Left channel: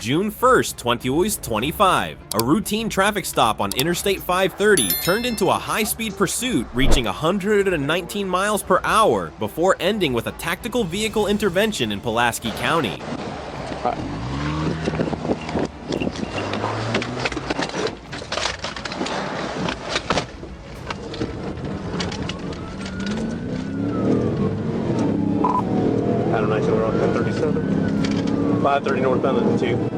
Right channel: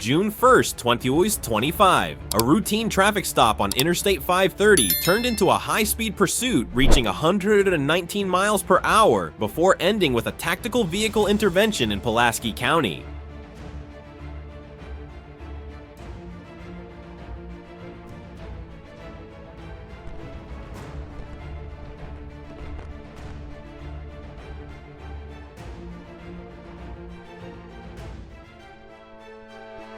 June 1st, 2025, a routine traffic stop on Interstate 530 turned into a high-speed pursuit reaching 119 miles per hour before ending with a tactical vehicle intervention in Pulaski County. Adam 9 we're on 1037. 530 northbound at the 2.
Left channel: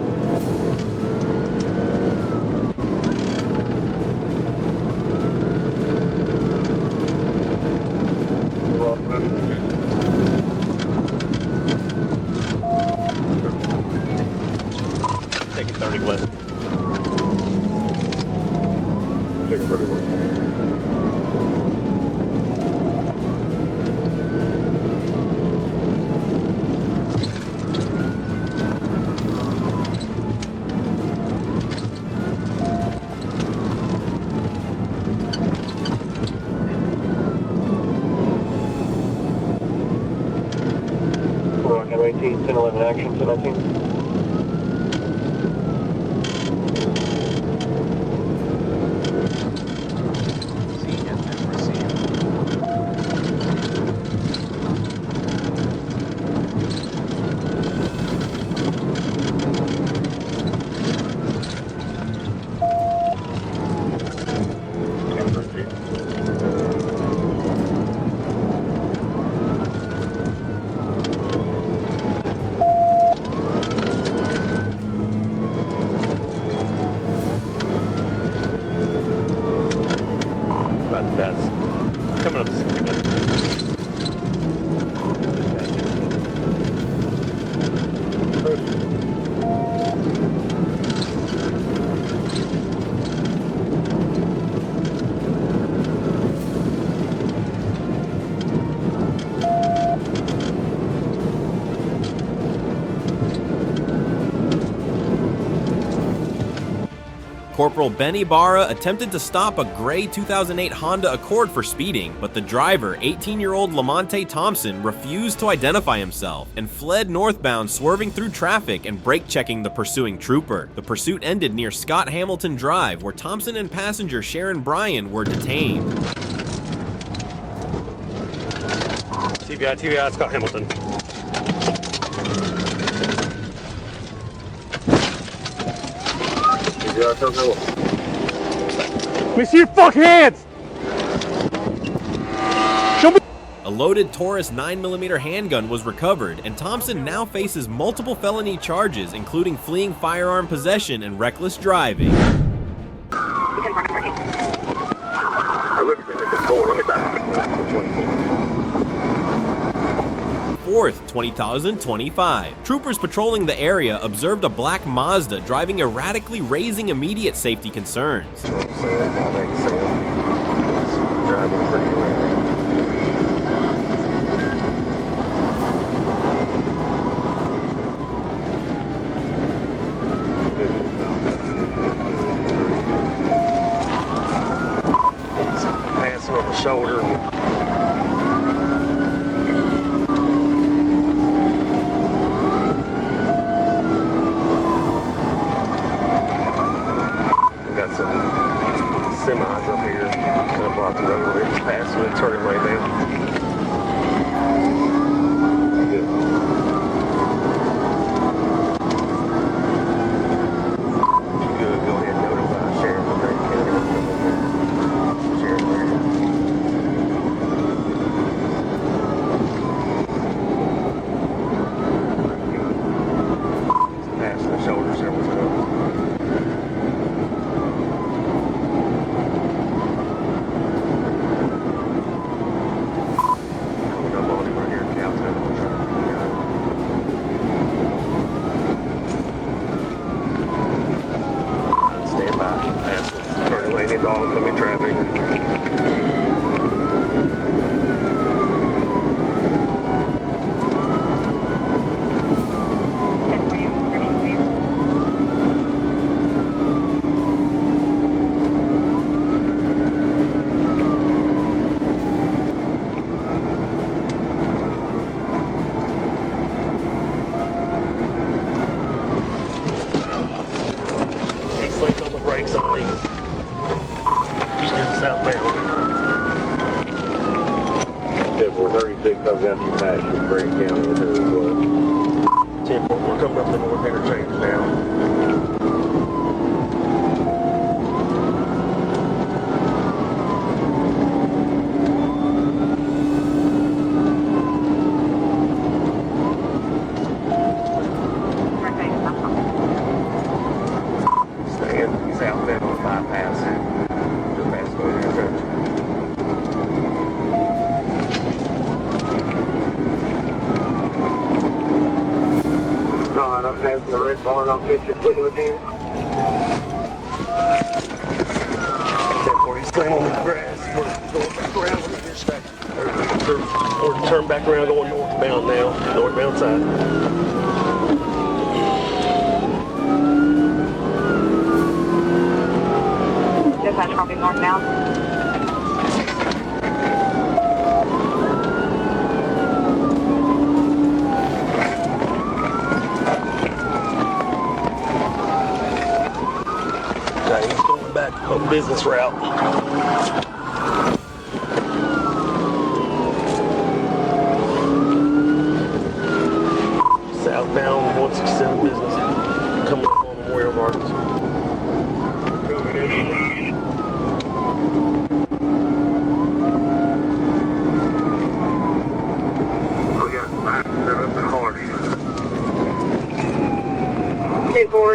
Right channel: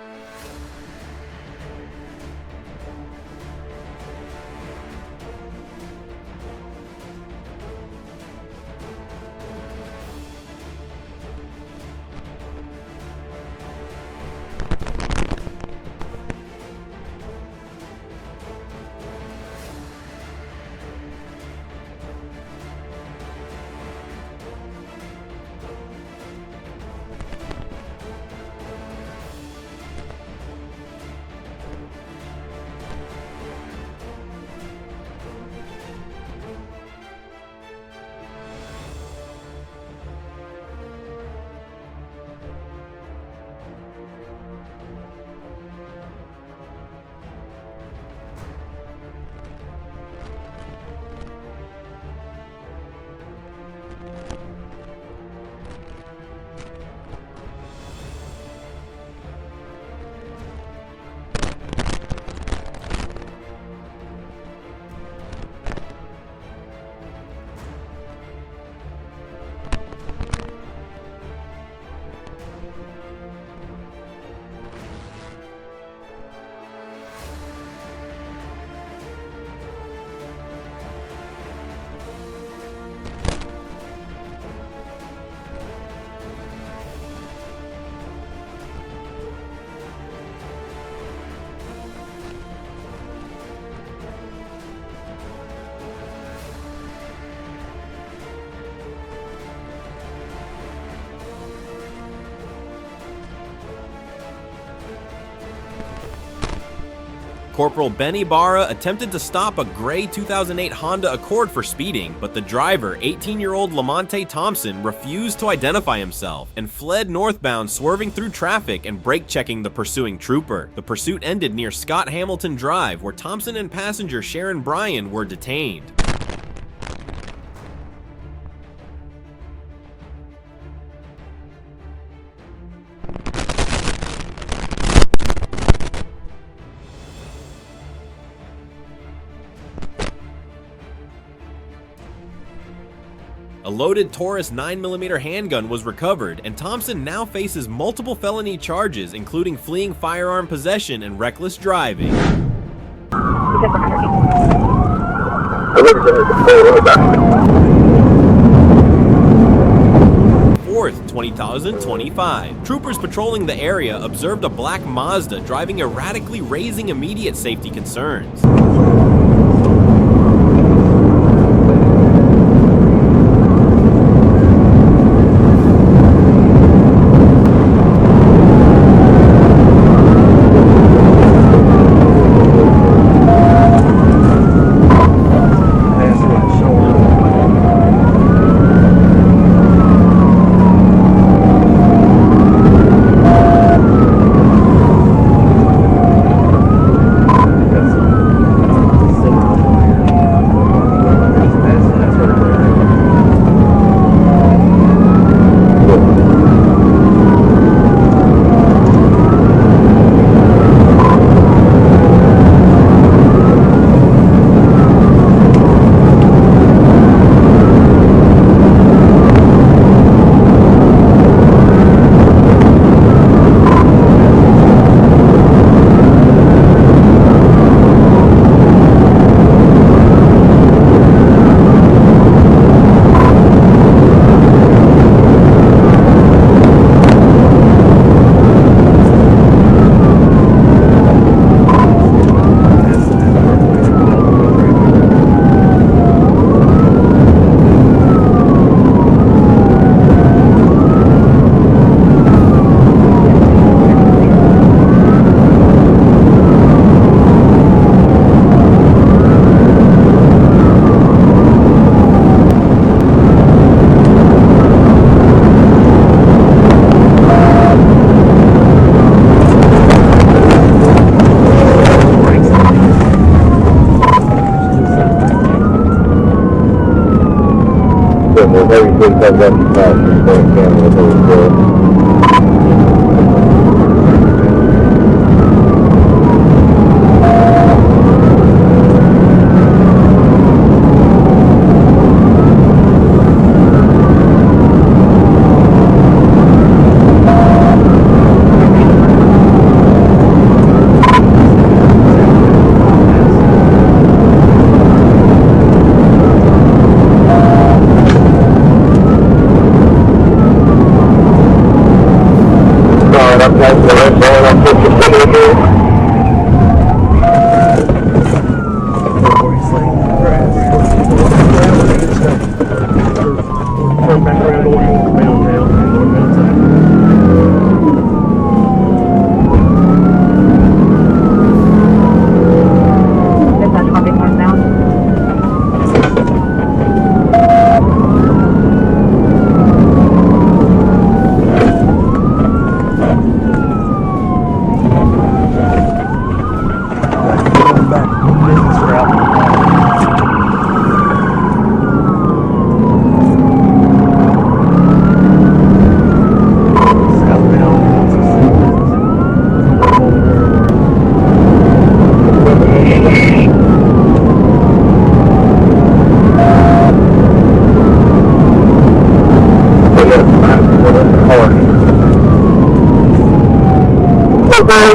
Taking 30 west. Taking 30 west. We're on 18, 10, 11 action, 10, 19. That's coming up to 60 minutes. Corporal Benny Barra attempted to stop a gray 2008 Honda Accord for speeding, but the driver, 18-year-old Lamonte Thompson, refused to identify himself and fled northbound, swerving through traffic and brake-checking the pursuing trooper. The pursuit ended near Scott Hamilton Drive, where Thompson and passenger Sharon Bryan were detained. TBI, Scott Hamilton. Let me see your fucking hands! Show me. A loaded Taurus 9mm handgun was recovered, and Thompson now faces multiple felony charges, including fleeing firearm possession and reckless driving. 4th, 2025. Troopers patrolling the area observed a black Mazda driving erratically, raising immediate safety concerns.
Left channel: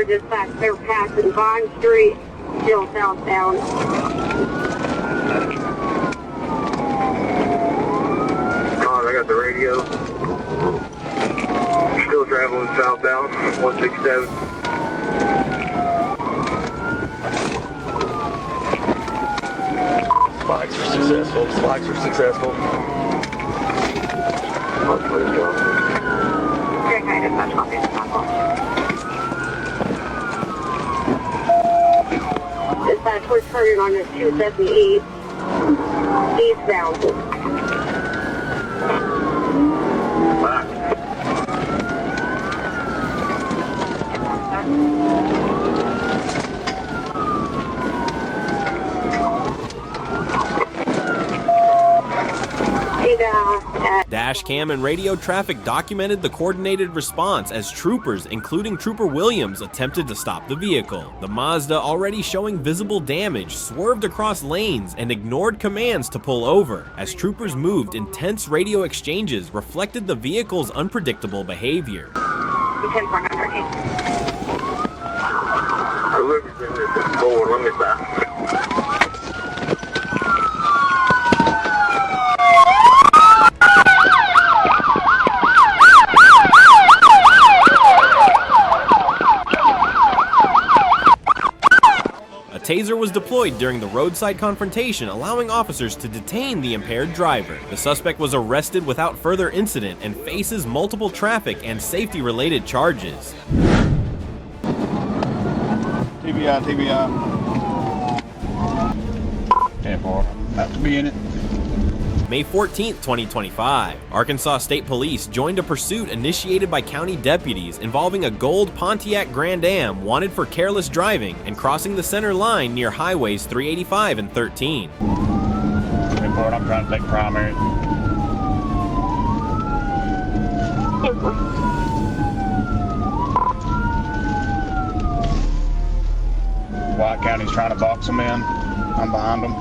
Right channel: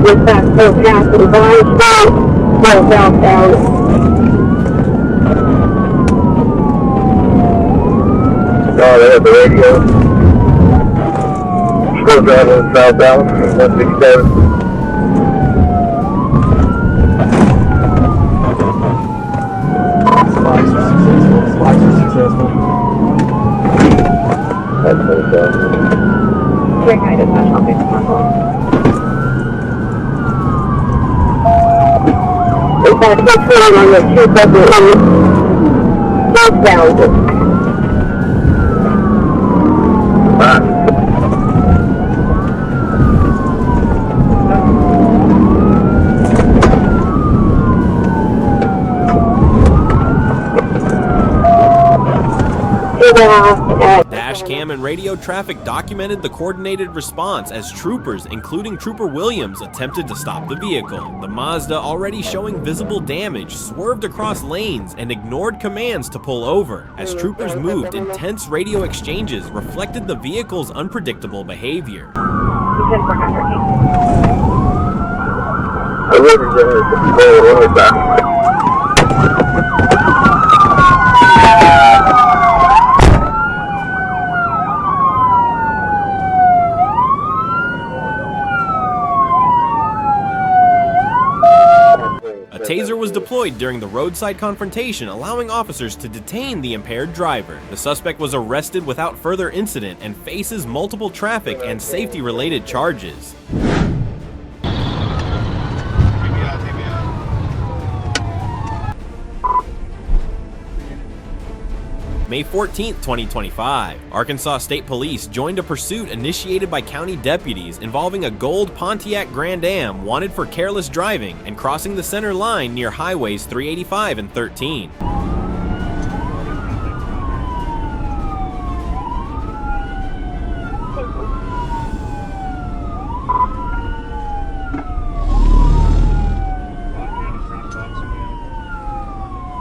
Just back to passing by state, no southbound. Oh, they have the radio. Short traveling southbound, 127. That's what's on the 278 southbound. Dashcam and radio traffic documented the coordinated response as troopers, including Trooper Williams, attempted to stop the vehicle. The Mazda, already showing visible damage, swerved across lanes and ignored commands to pull over. As troopers moved, intense radio exchanges reflected the vehicle's unpredictable behavior. A taser was deployed during the roadside confrontation, allowing officers to detain the impaired driver. The suspect was arrested without further incident and faces multiple traffic and safety-related charges. TV out. 10-4. Have to be in it. May 14, 2025, Arkansas State Police joined a pursuit initiated by county deputies involving a gold Pontiac Grand Am wanted for careless driving and crossing the center line near highways 385 and 13. I'm trying to take primary. White County's trying to box them in. I'm behind them.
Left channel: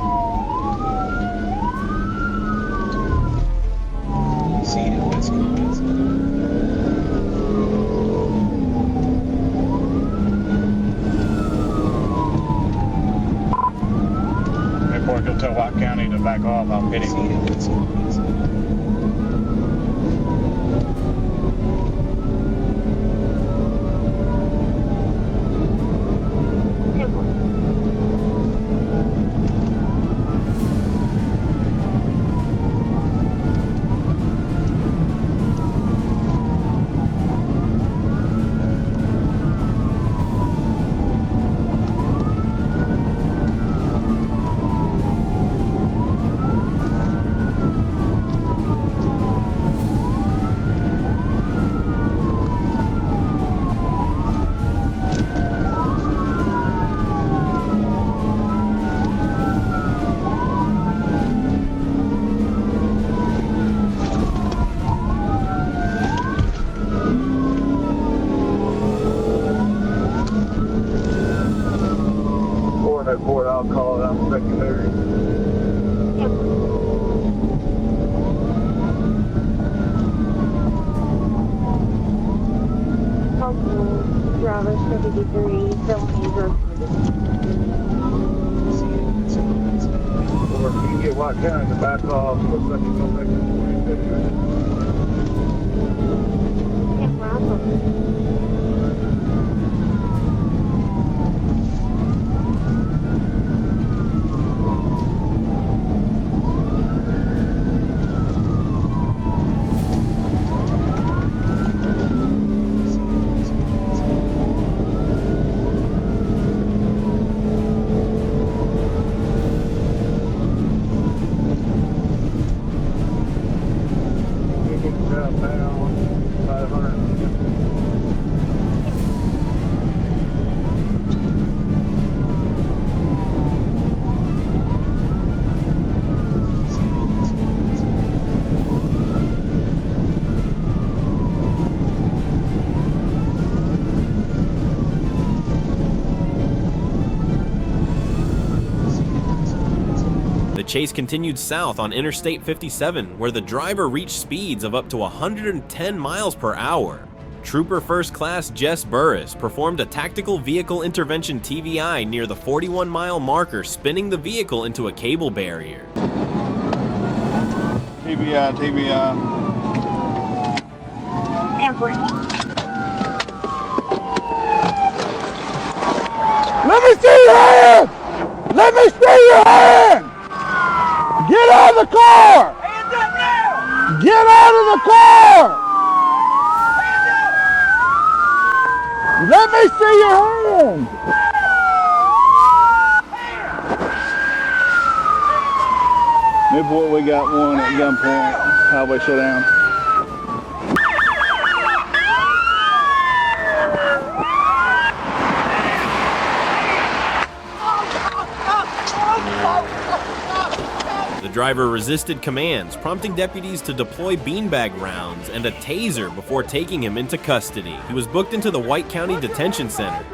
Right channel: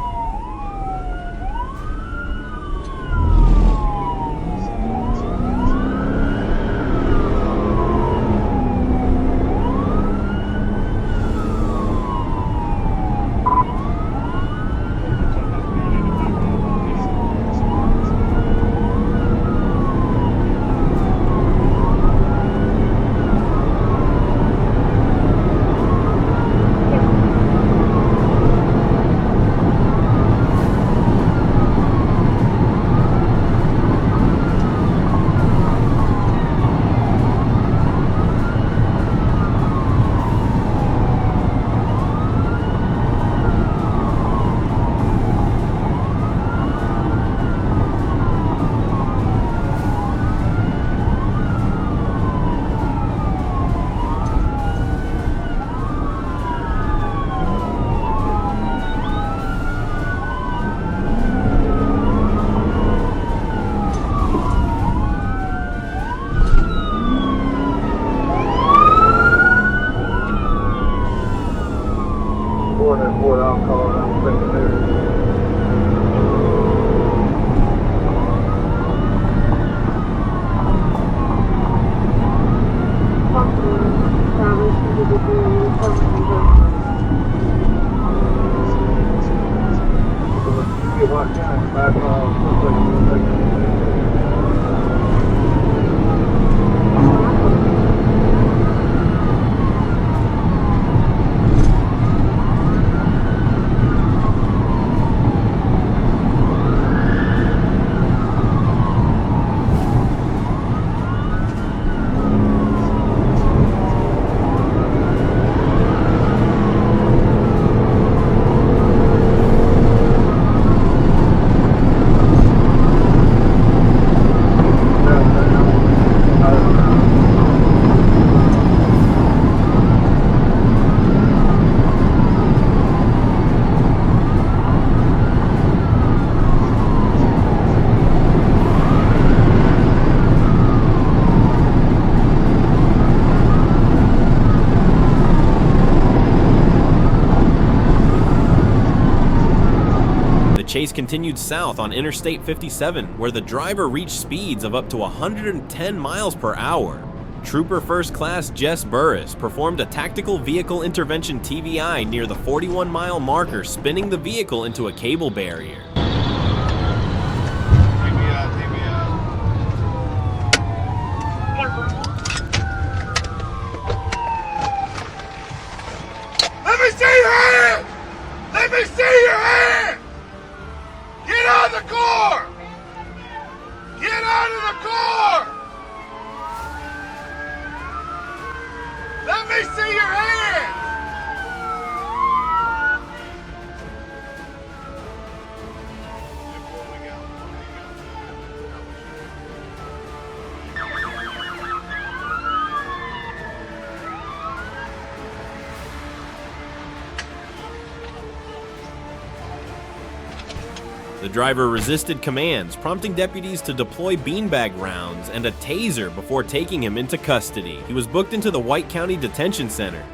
report alcohol out there. The chase continued south on Interstate 57, where the driver reached speeds of up to 110 miles per hour. Trooper First Class Jess Burris performed a tactical vehicle intervention TVI near the 41-mile marker, spinning the vehicle into a cable barrier. TVI. Let me see your hand! Let me see your hand! Get out of the car! Hands up now! Get out of the car! Let me see your hand! Newport, we got one at gunpoint. Highway shutdown. The driver resisted commands, prompting deputies to deploy beanbag rounds and a taser before taking him into custody. He was booked into the White County Detention Center.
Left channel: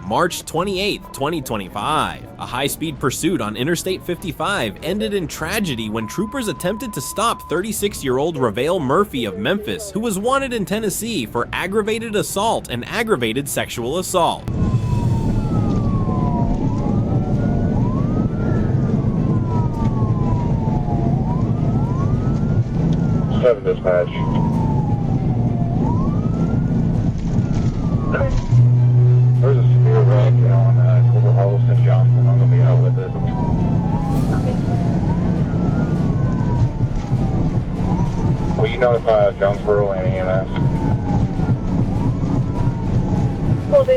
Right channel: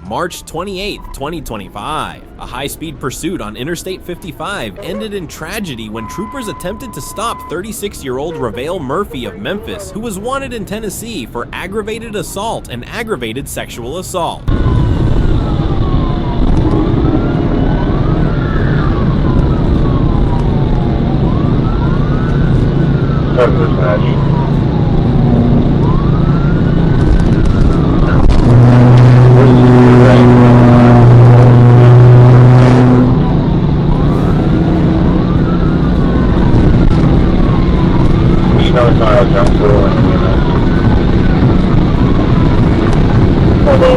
March 28, 2025. A high-speed pursuit on Interstate 55 ended in tragedy when troopers attempted to stop 36-year-old Ravale Murphy of Memphis, who was wanted in Tennessee for aggravated assault and aggravated sexual assault.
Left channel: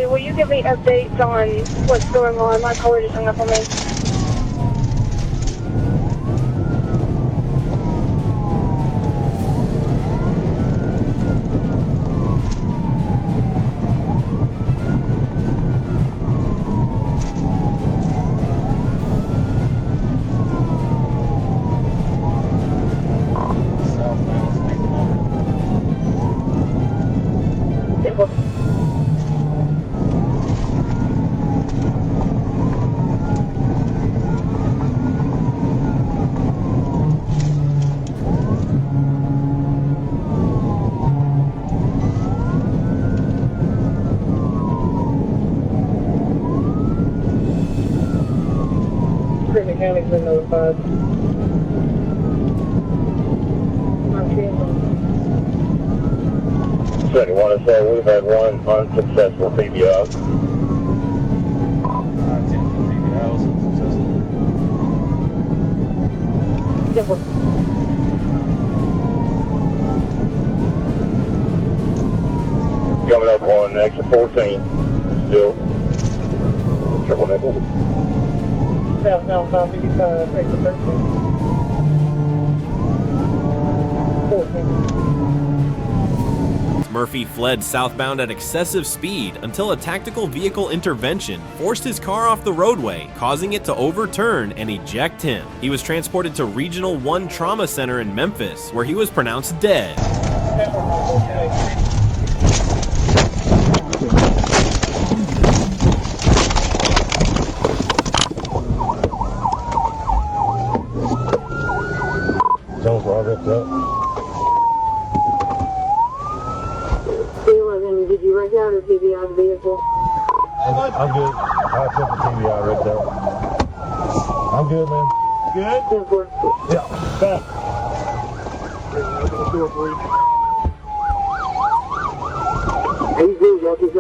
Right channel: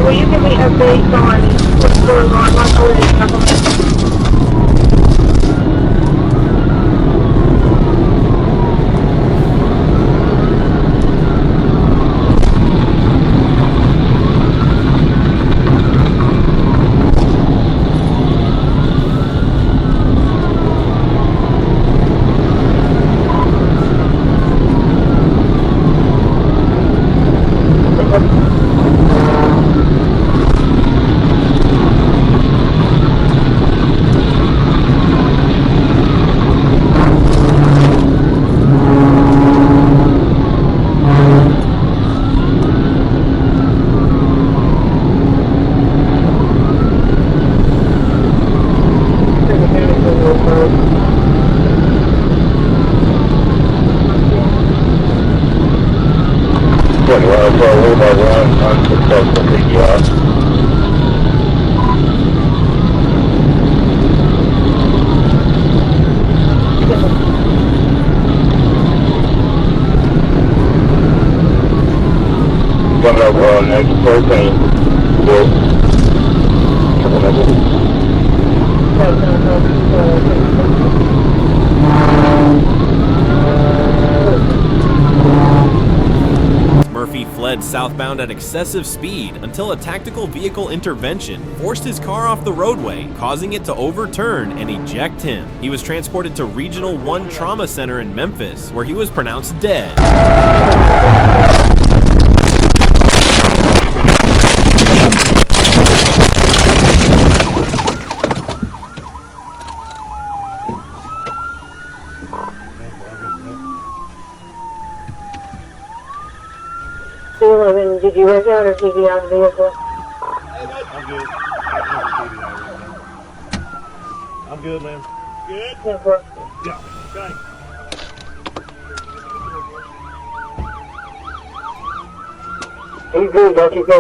Were you going to be updated on what's going on? fled southbound at excessive speed until a tactical vehicle intervention forced his car off the roadway, causing it to overturn and eject him. He was transported to Regional 1 Trauma Center in Memphis, where he was pronounced dead. Did you work out or TV out of the vehicle? I'm good. I'll put the TV out real quick. I'm good, man. Yeah. Hey, good, don't you go.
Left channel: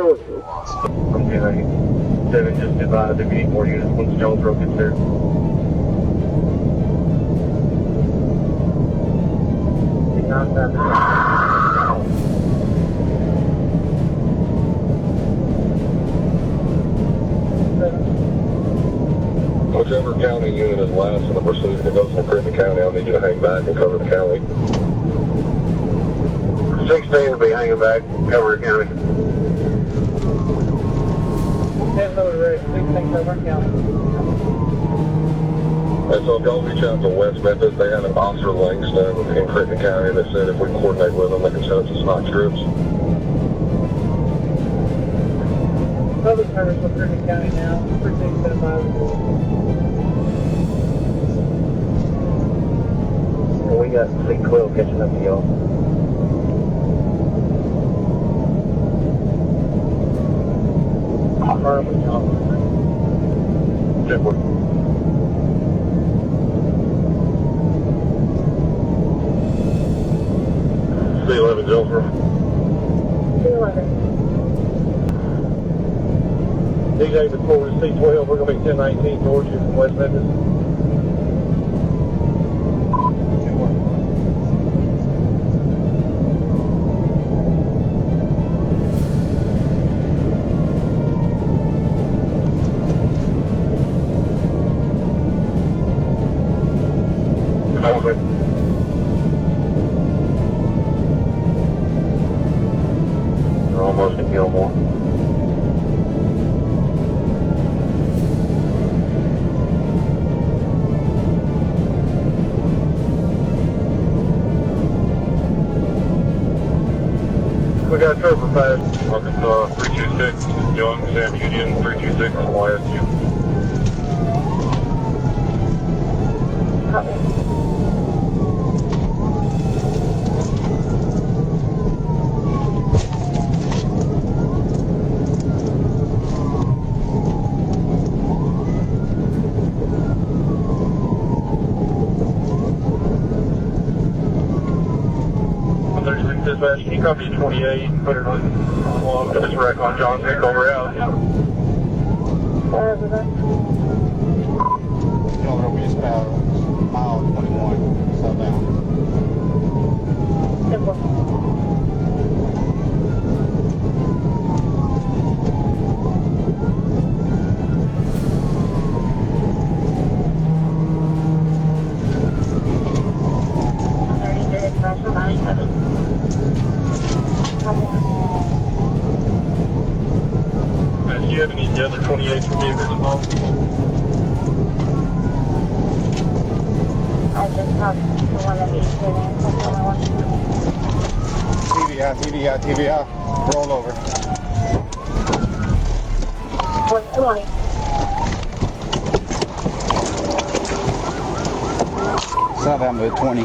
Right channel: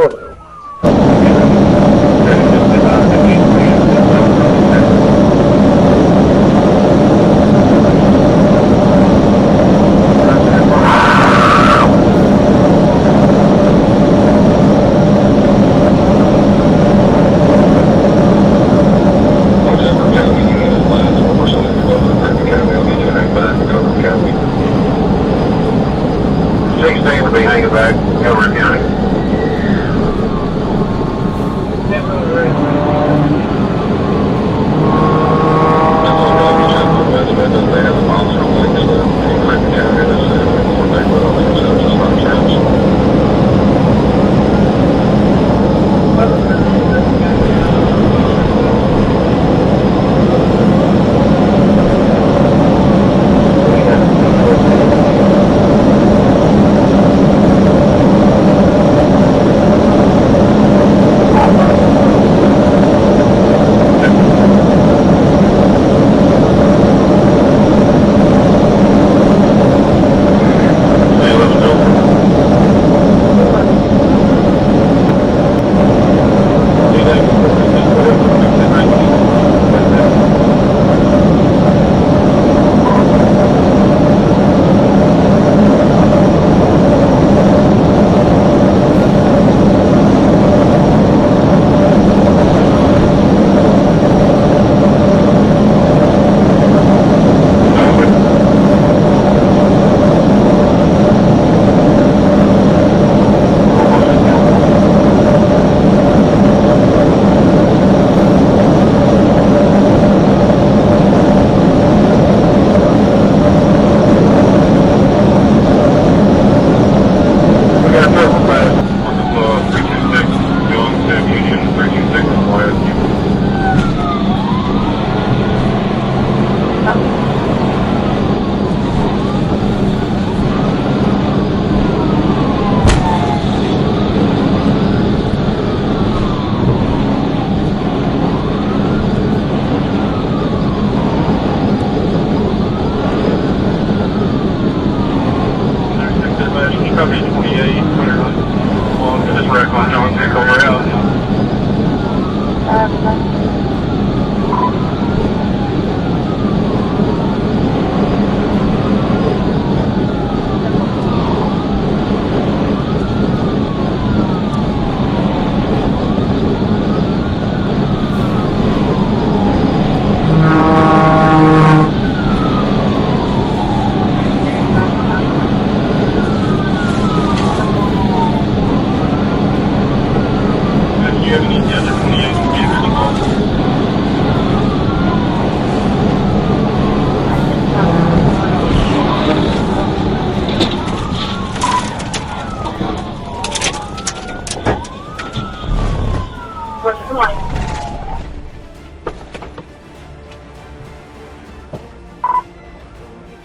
Southbound at 20.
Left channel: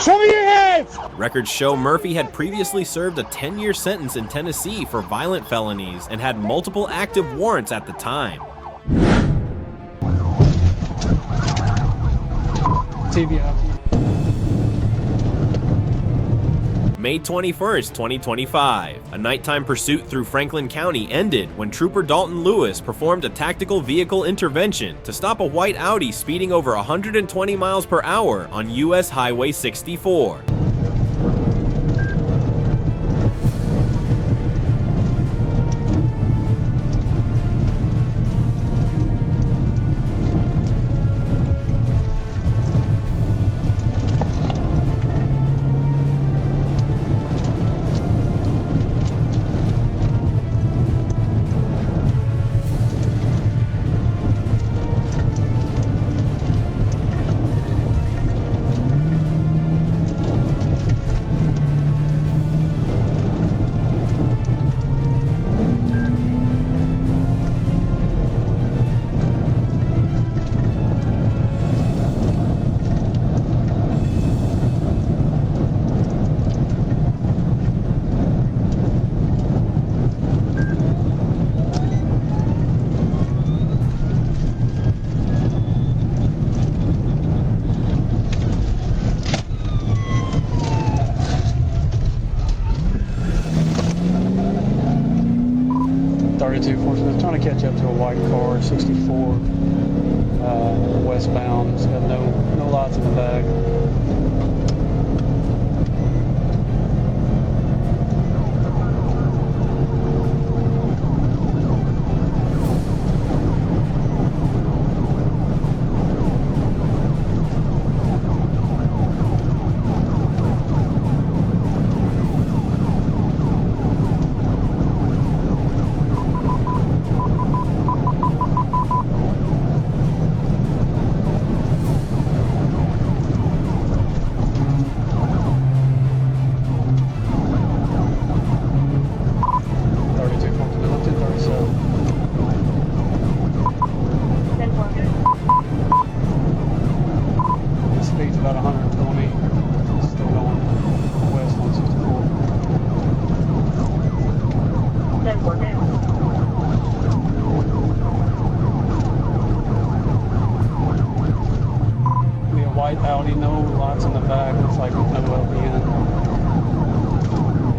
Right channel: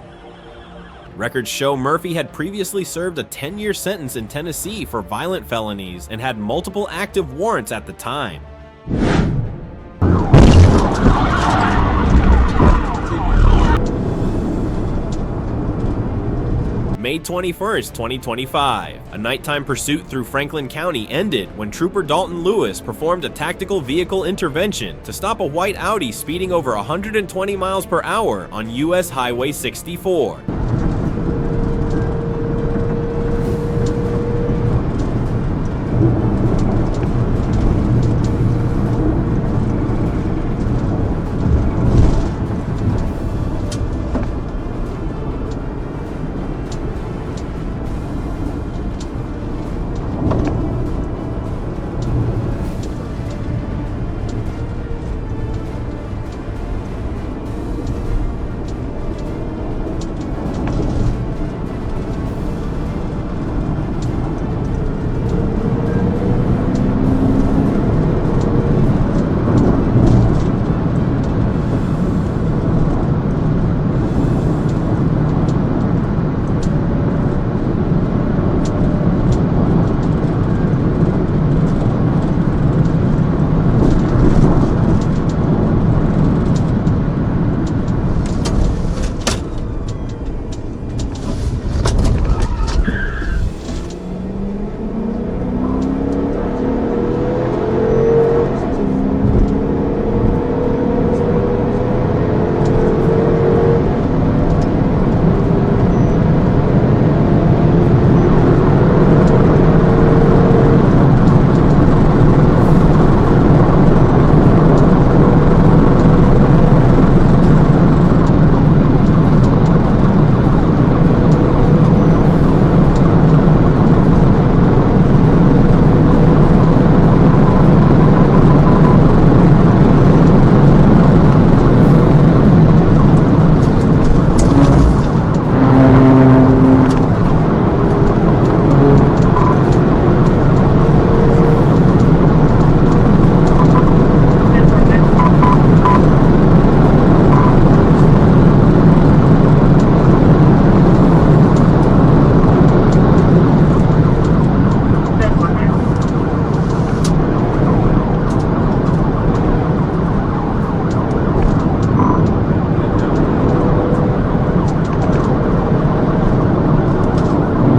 Show me your hands! Records show Murphy had previously served a 10-year sentence in Tennessee for violent felonies and had multiple active warrants at the time. May 21st, 2025. A nighttime pursuit through Franklin County ended when Trooper Dalton Lewis performed a tactical vehicle intervention to stop a white Audi speeding over 120 miles per hour on US Highway 64.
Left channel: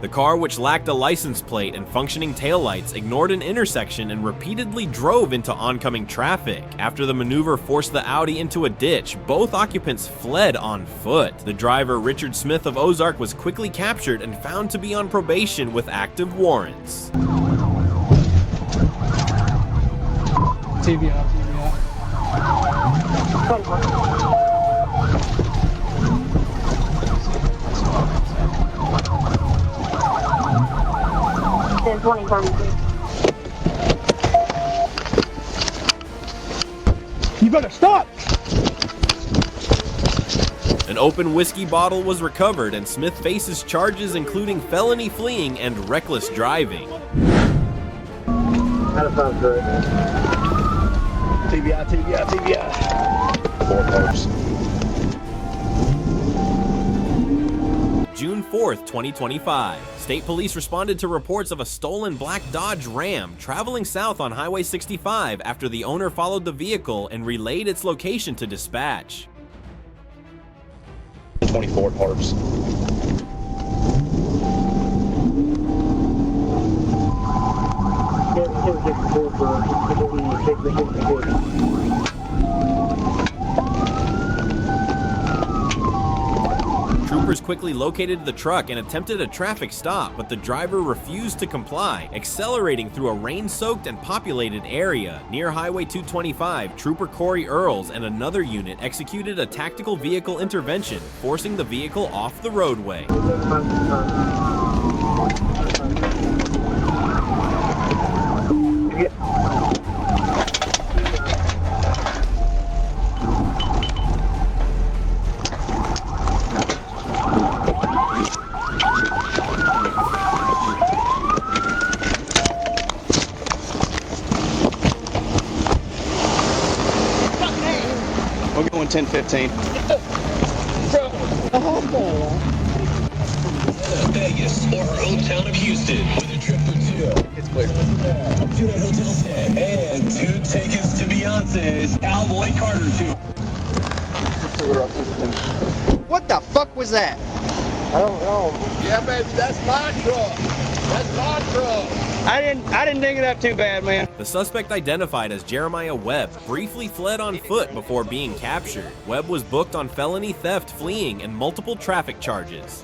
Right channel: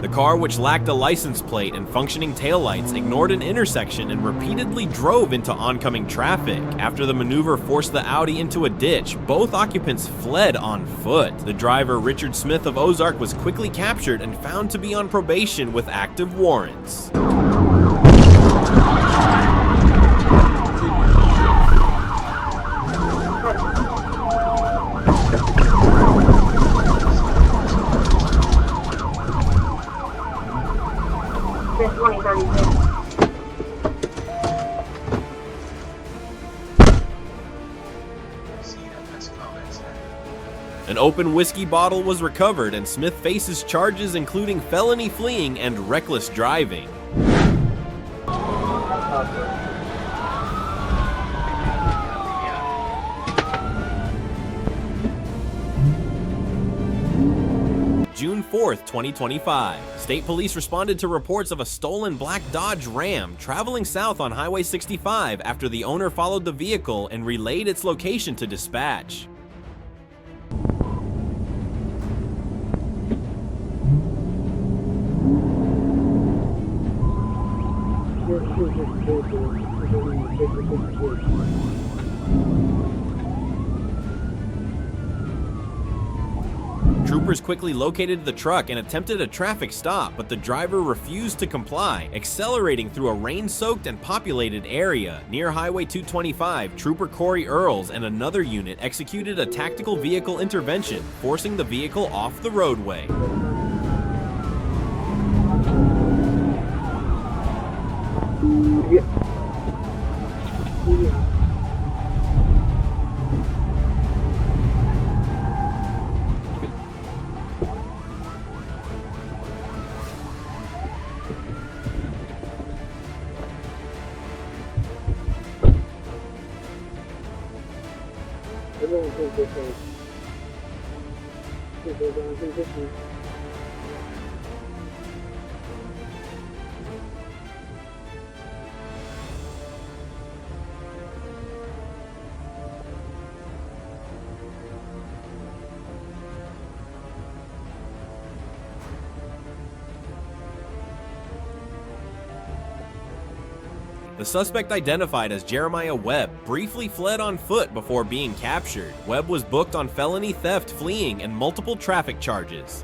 The car, which lacked a license plate and functioning taillights, ignored an intersection and repeatedly drove into oncoming traffic. After the maneuver forced the Audi into a ditch, both occupants fled on foot. The driver, Richard Smith of Ozark, was quickly captured and found to be on probation with active warrants. You better stop! An open whiskey bottle was recovered, and Smith faces charges including felony fleeing and reckless driving. June 4th, 2025. State police responded to reports of a stolen black Dodge Ram traveling south on Highway 65 after the owner followed the vehicle and relayed its location to dispatch. 24 parts. Troopers quickly located the truck and attempted a traffic stop, but the driver refused to comply, accelerating through a rain-soaked and populated area. Near Highway 225, Trooper Corey Earls and another unit executed a tactical vehicle intervention, forcing the vehicle off the roadway. We're going 10-15. Vegas or our hometown of Houston with a trip for two. It's clear. 2 night hotel stay and 2 tickets to Beyonce's Cowboy Carter tour. What the fuck was that? I don't know. Yeah, baby, that's my truck. That's my truck. I didn't dig it up too bad, man. The suspect, identified as Jeremiah Webb, briefly fled on foot before being captured. Webb was booked on felony theft, fleeing, and multiple traffic charges.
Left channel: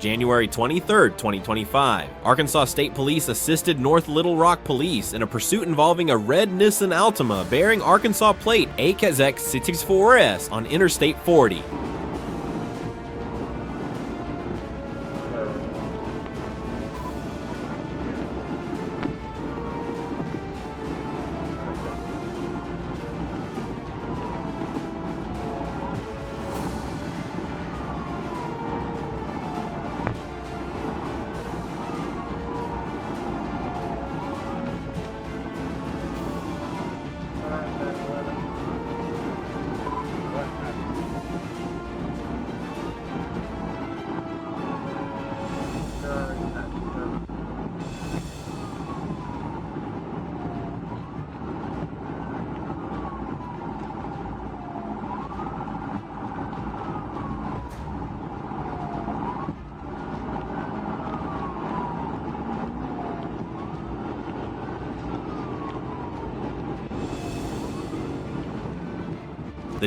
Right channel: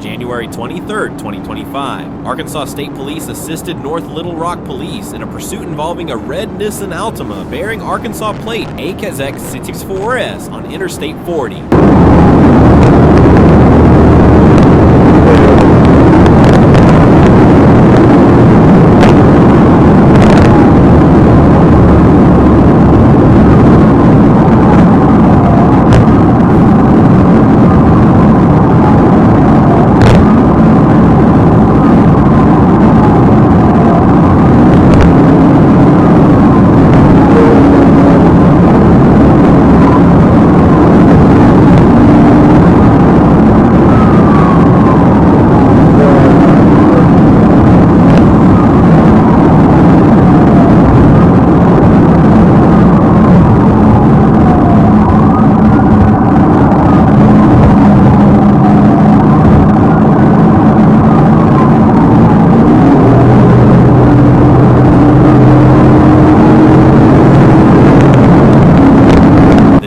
January 23rd, 2025. Arkansas State Police assisted North Little Rock Police in a pursuit involving a red Nissan Altima bearing Arkansas plate AKZX64S on Interstate 40.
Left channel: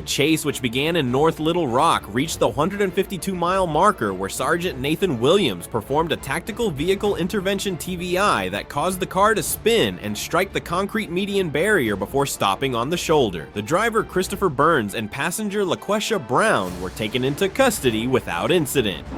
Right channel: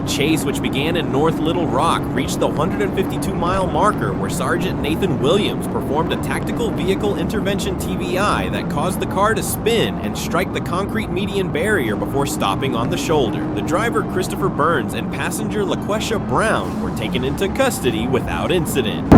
Chase, which began in North Little Rock, reached the 152-mile marker where Sergeant Nathan Williams performed a tactical vehicle intervention TVI that caused the car to spin and strike the concrete median barrier before stopping on the shoulder. The driver, Christopher Burns, and passenger LaQuesha Brown were taken into custody without incident.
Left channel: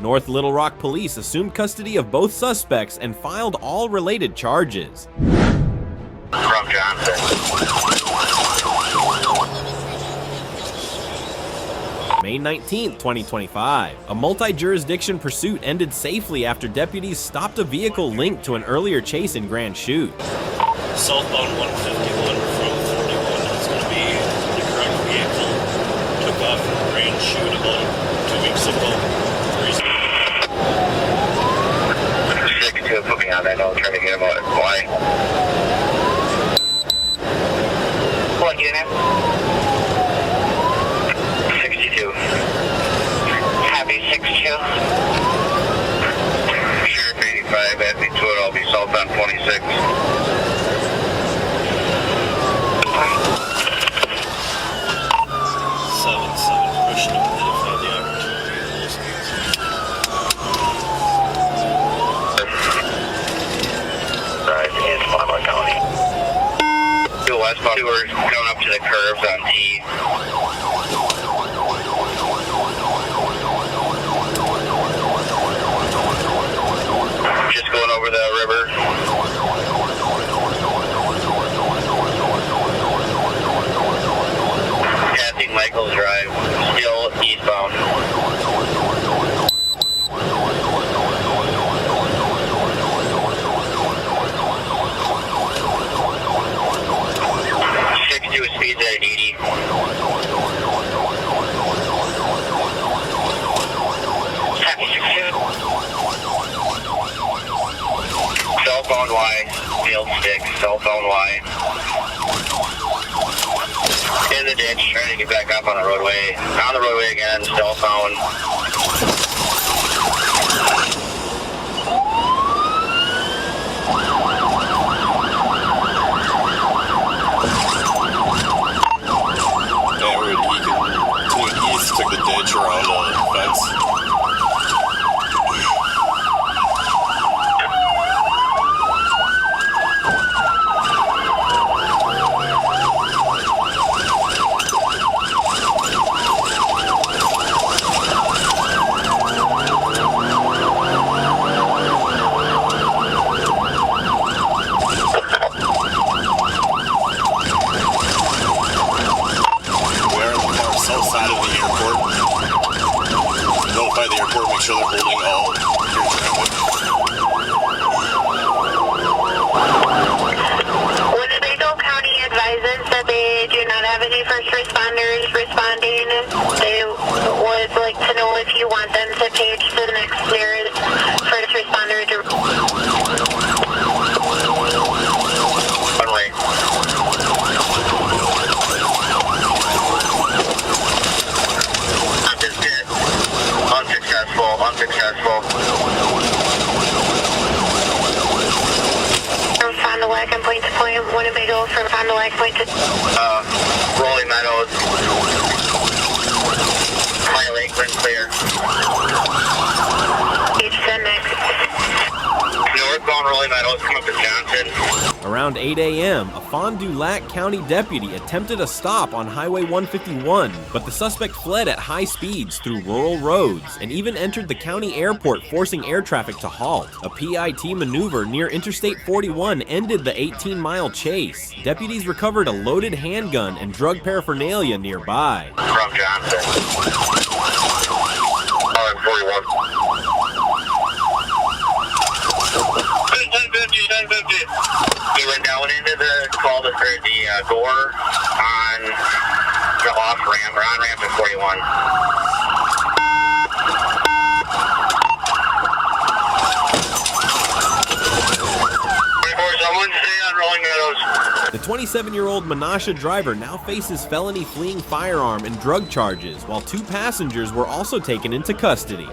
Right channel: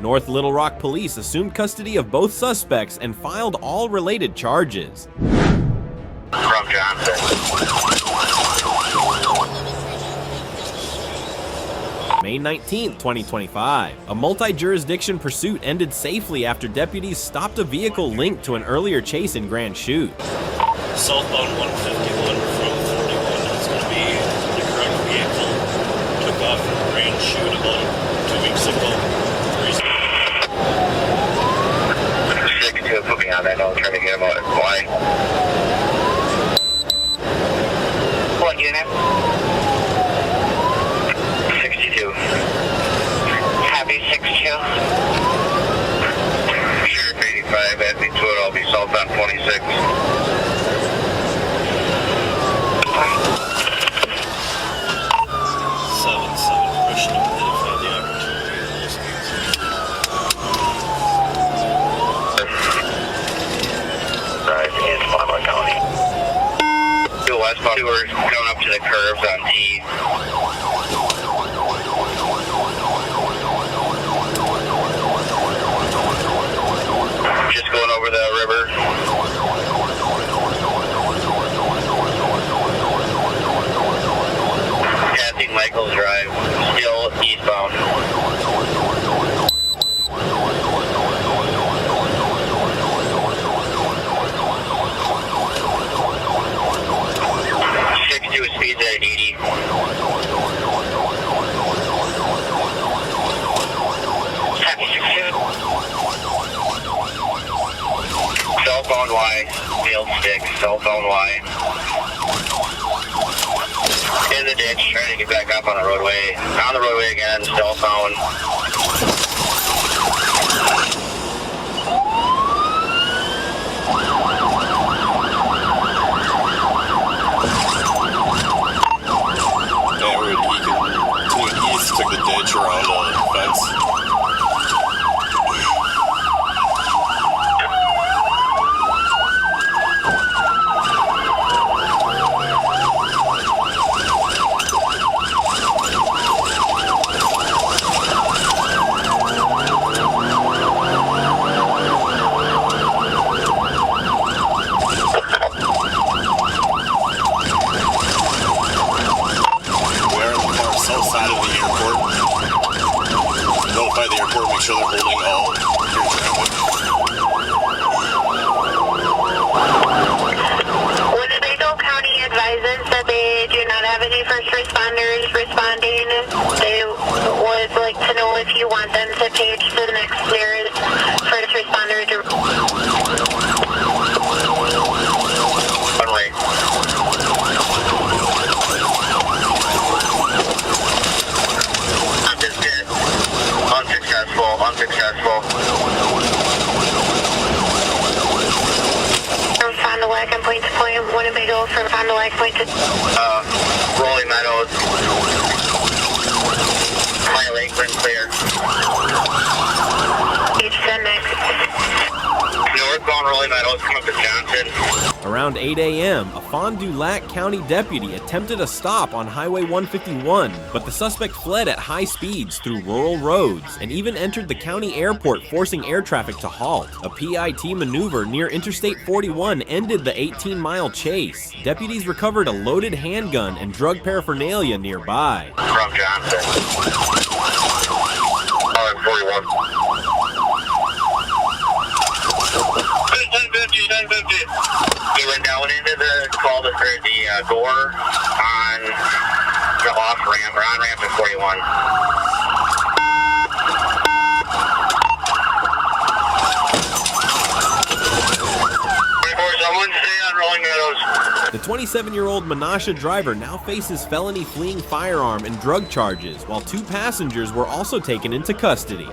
North Little Rock police assumed custody of both suspects and filed all related charges. From Johnson. May 19, 2025. A multi-jurisdiction pursuit ended safely after deputies stopped a vehicle linked to an earlier chase in Grand Chute. Southbound 151 from 41, that's going to be the correct vehicle. Took off from Grand Chute about 2 weeks ago. 6-2, put me on that note, trying to get him out. Why? What unit? 62. Happy 62. Sheriff 85, Happy 2, I'll be southbound 26. 7-7, pushing him if I have the opportunity in those things. Drive in Monroe County. Two westbound, two are going up to the curves on T. Just going over the river. Passing Michael's Drive, still eastbound. 62 speeds at 80. Happy 62. Cell phone Y, field stick, cell phone Y. In the ditch, trying to get back up on the roadway. On the roadway again, cell phone. He can, to the east, took the ditch around the fence. Make sure they're holding all air traffic. Winnebago County advises that they do not have any first responders responding. They would like to know if you want them to page to the next nearest first responder. One way. Unsuccessful. From Fond du Lac and point to point, Winnebago from Fond du Lac point to... Rolling Meadows. High Lakeland clear. Each 10 next. Northbound Rolling Meadows, come up to Johnson. Around 8 a.m., a Fond du Lac County deputy attempted a stop on Highway 151, but the suspect fled at high speeds through rural roads and even entered the county airport, forcing air traffic to halt. A PIT maneuver near Interstate 41 ended the 18-mile chase. Deputies recovered a loaded handgun and drug paraphernalia nearby. From Johnson. 41. 1050. He went down into the Gore on the off ramp or on ramp at 41. Someone stay on Rolling Meadows. The 27-year-old Menasha driver now faces felony fleeing firearm and drug charges, while 2 passengers were also taken into custody.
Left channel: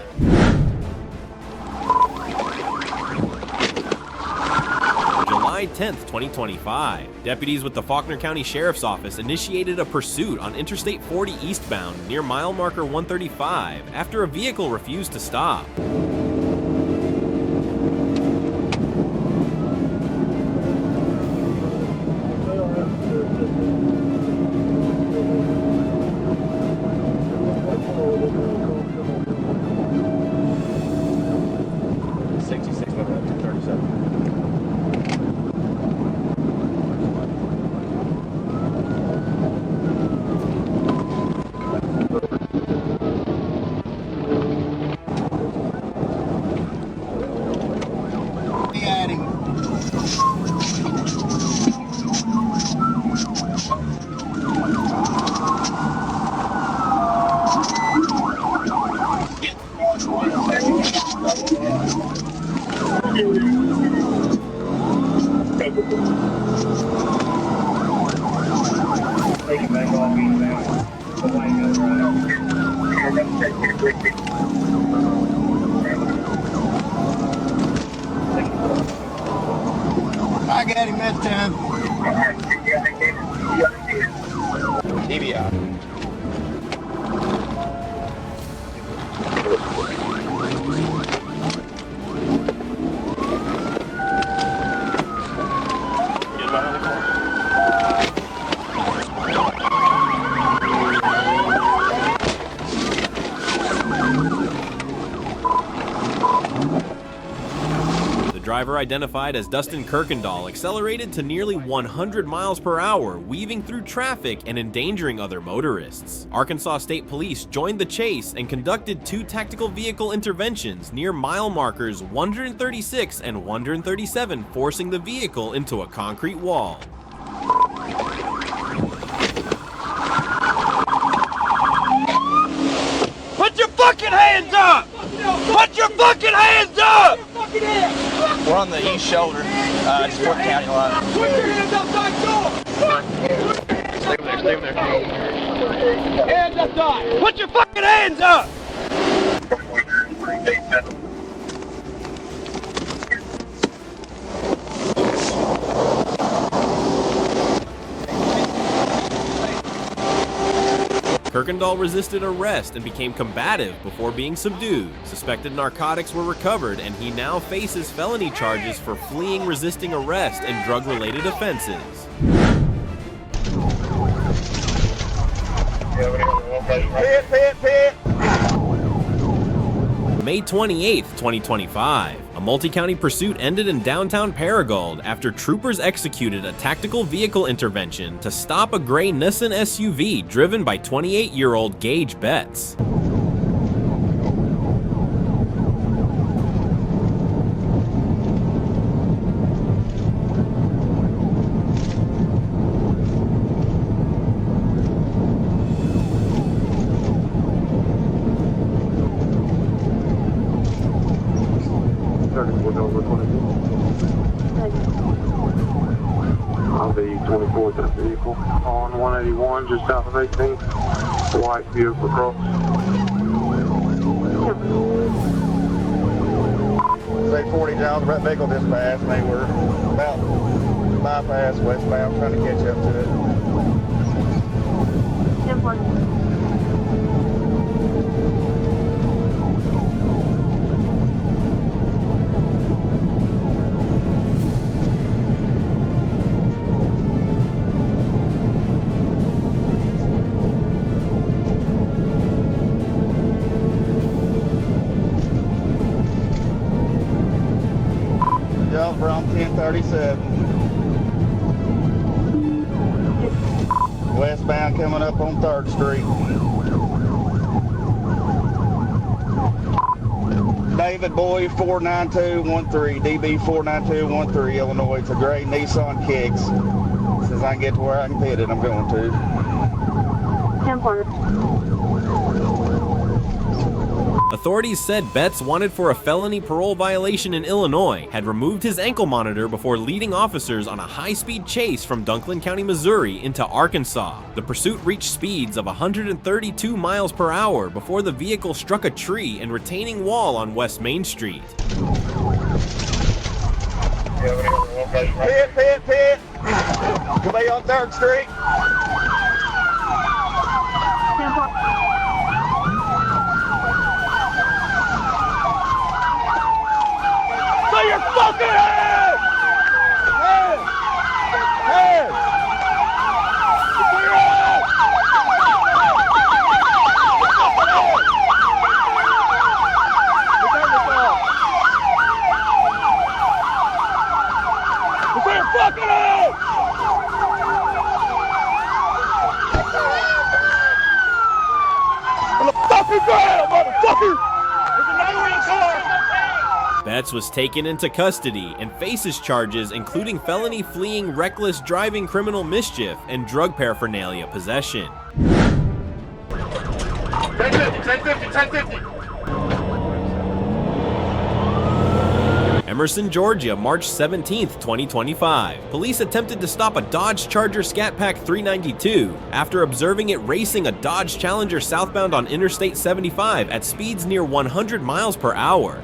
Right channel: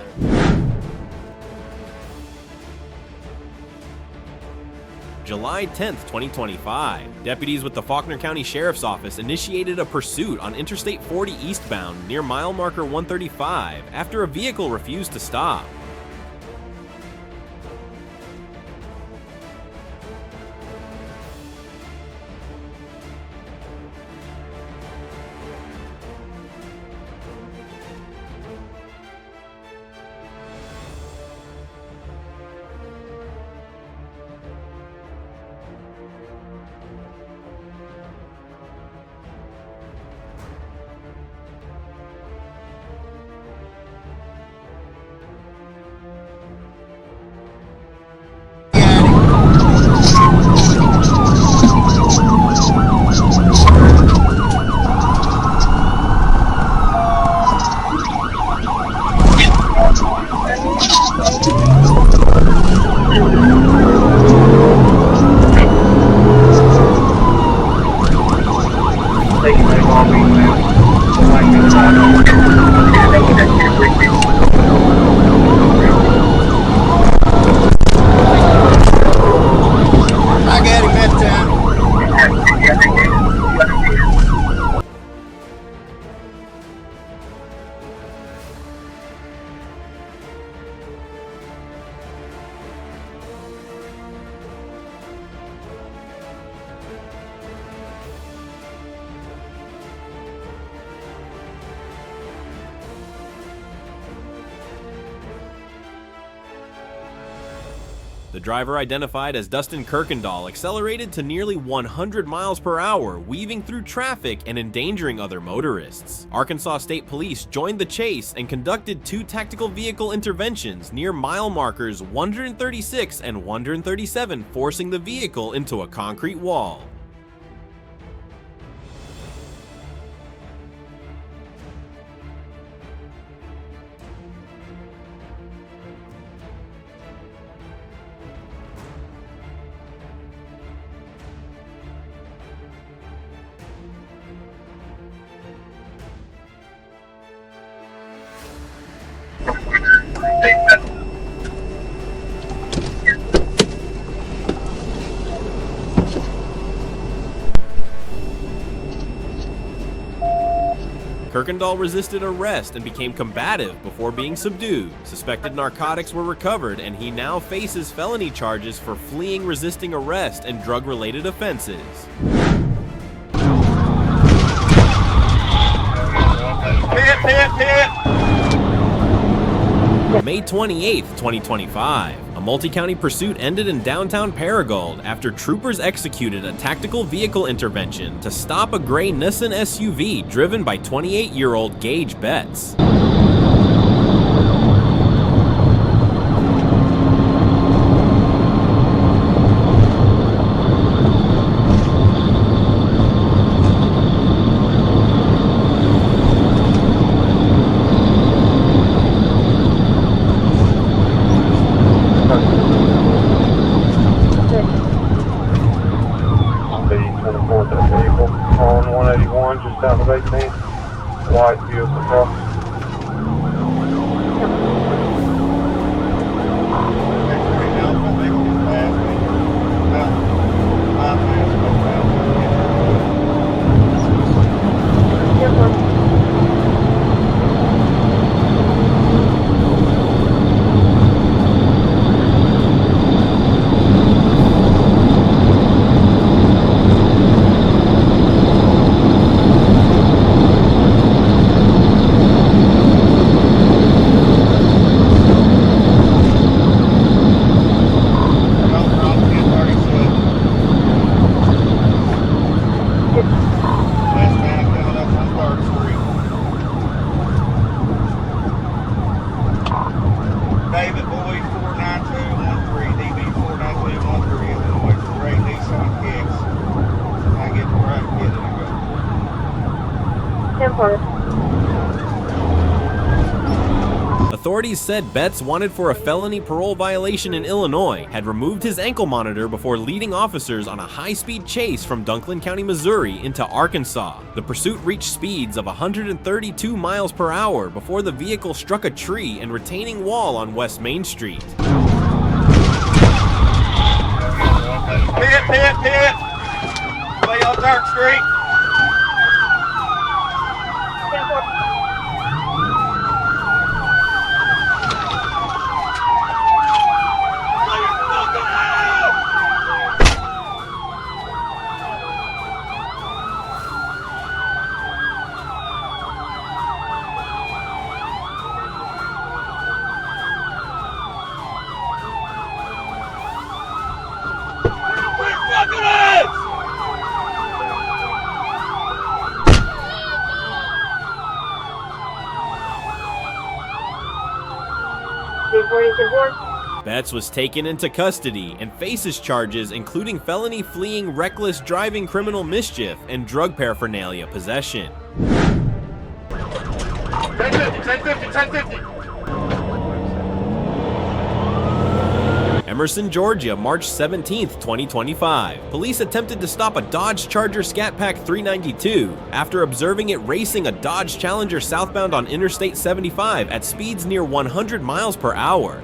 July 10th, 2025. Deputies with the Faulkner County Sheriff's Office initiated a pursuit on Interstate 40 eastbound near mile marker 135 after a vehicle refused to stop. I got him this time. DVI. The driver, identified as Dustin Kirkendall, accelerated to nearly 100 miles per hour, weaving through traffic and endangering other motorists. Arkansas State Police joined the chase and conducted 2 tactical vehicle interventions near mile markers 136 and 137, forcing the vehicle into a concrete wall. Put your fucking hands up! Put your fucking hands up! We're on the east shoulder, it's Fort County line. Put your hands upside door! Stay there. Hands up side! Put your fucking hands up! Kirkendall resisted arrest and became combative before being subdued. Suspected narcotics were recovered, and he now faces felony charges for fleeing, resisting arrest, and drug-related offenses. May 28, 2025. A multi-county pursuit ended in downtown Paragould after troopers executed a tactical vehicle intervention to stop a gray Nissan SUV driven by 28-year-old Gage Betts. Authorities said Betts, wanted for a felony parole violation in Illinois, had removed his ankle monitor before leading officers on a high-speed chase from Dunklin County, Missouri into Arkansas. The pursuit reached speeds of 132 miles per hour before the vehicle struck a tree and retaining wall on West Main Street. Hit! Lay on 3rd Street. Betts was taken into custody and faces charges including felony fleeing, reckless driving, criminal mischief, and drug paraphernalia possession. 1050. Emerson, Georgia, March 17, 2025. Police attempted to stop a Dodge Charger Scat Pack 392 after observing it racing a Dodge Challenger southbound on Interstate 75 at speeds near 100 miles per hour.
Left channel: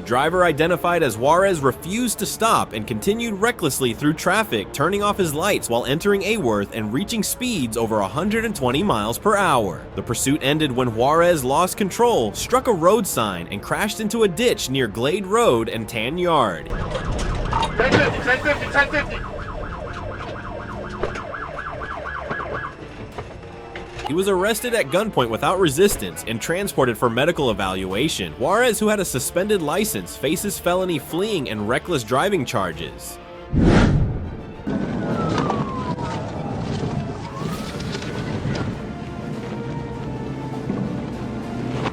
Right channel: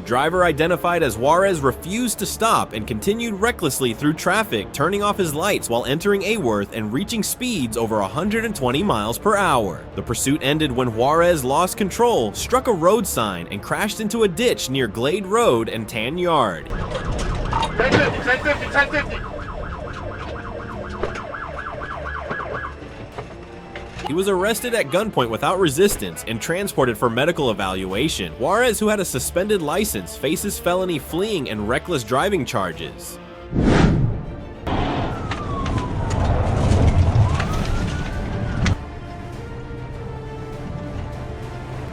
The driver, identified as Juarez, refused to stop and continued recklessly through traffic, turning off his lights while entering Aworth and reaching speeds over 120 miles per hour. The pursuit ended when Juarez lost control, struck a road sign, and crashed into a ditch near Glade Road and Tan Yard. 1050, 1050. He was arrested at gunpoint without resistance and transported for medical evaluation. Juarez, who had a suspended license, faces felony fleeing and reckless driving charges.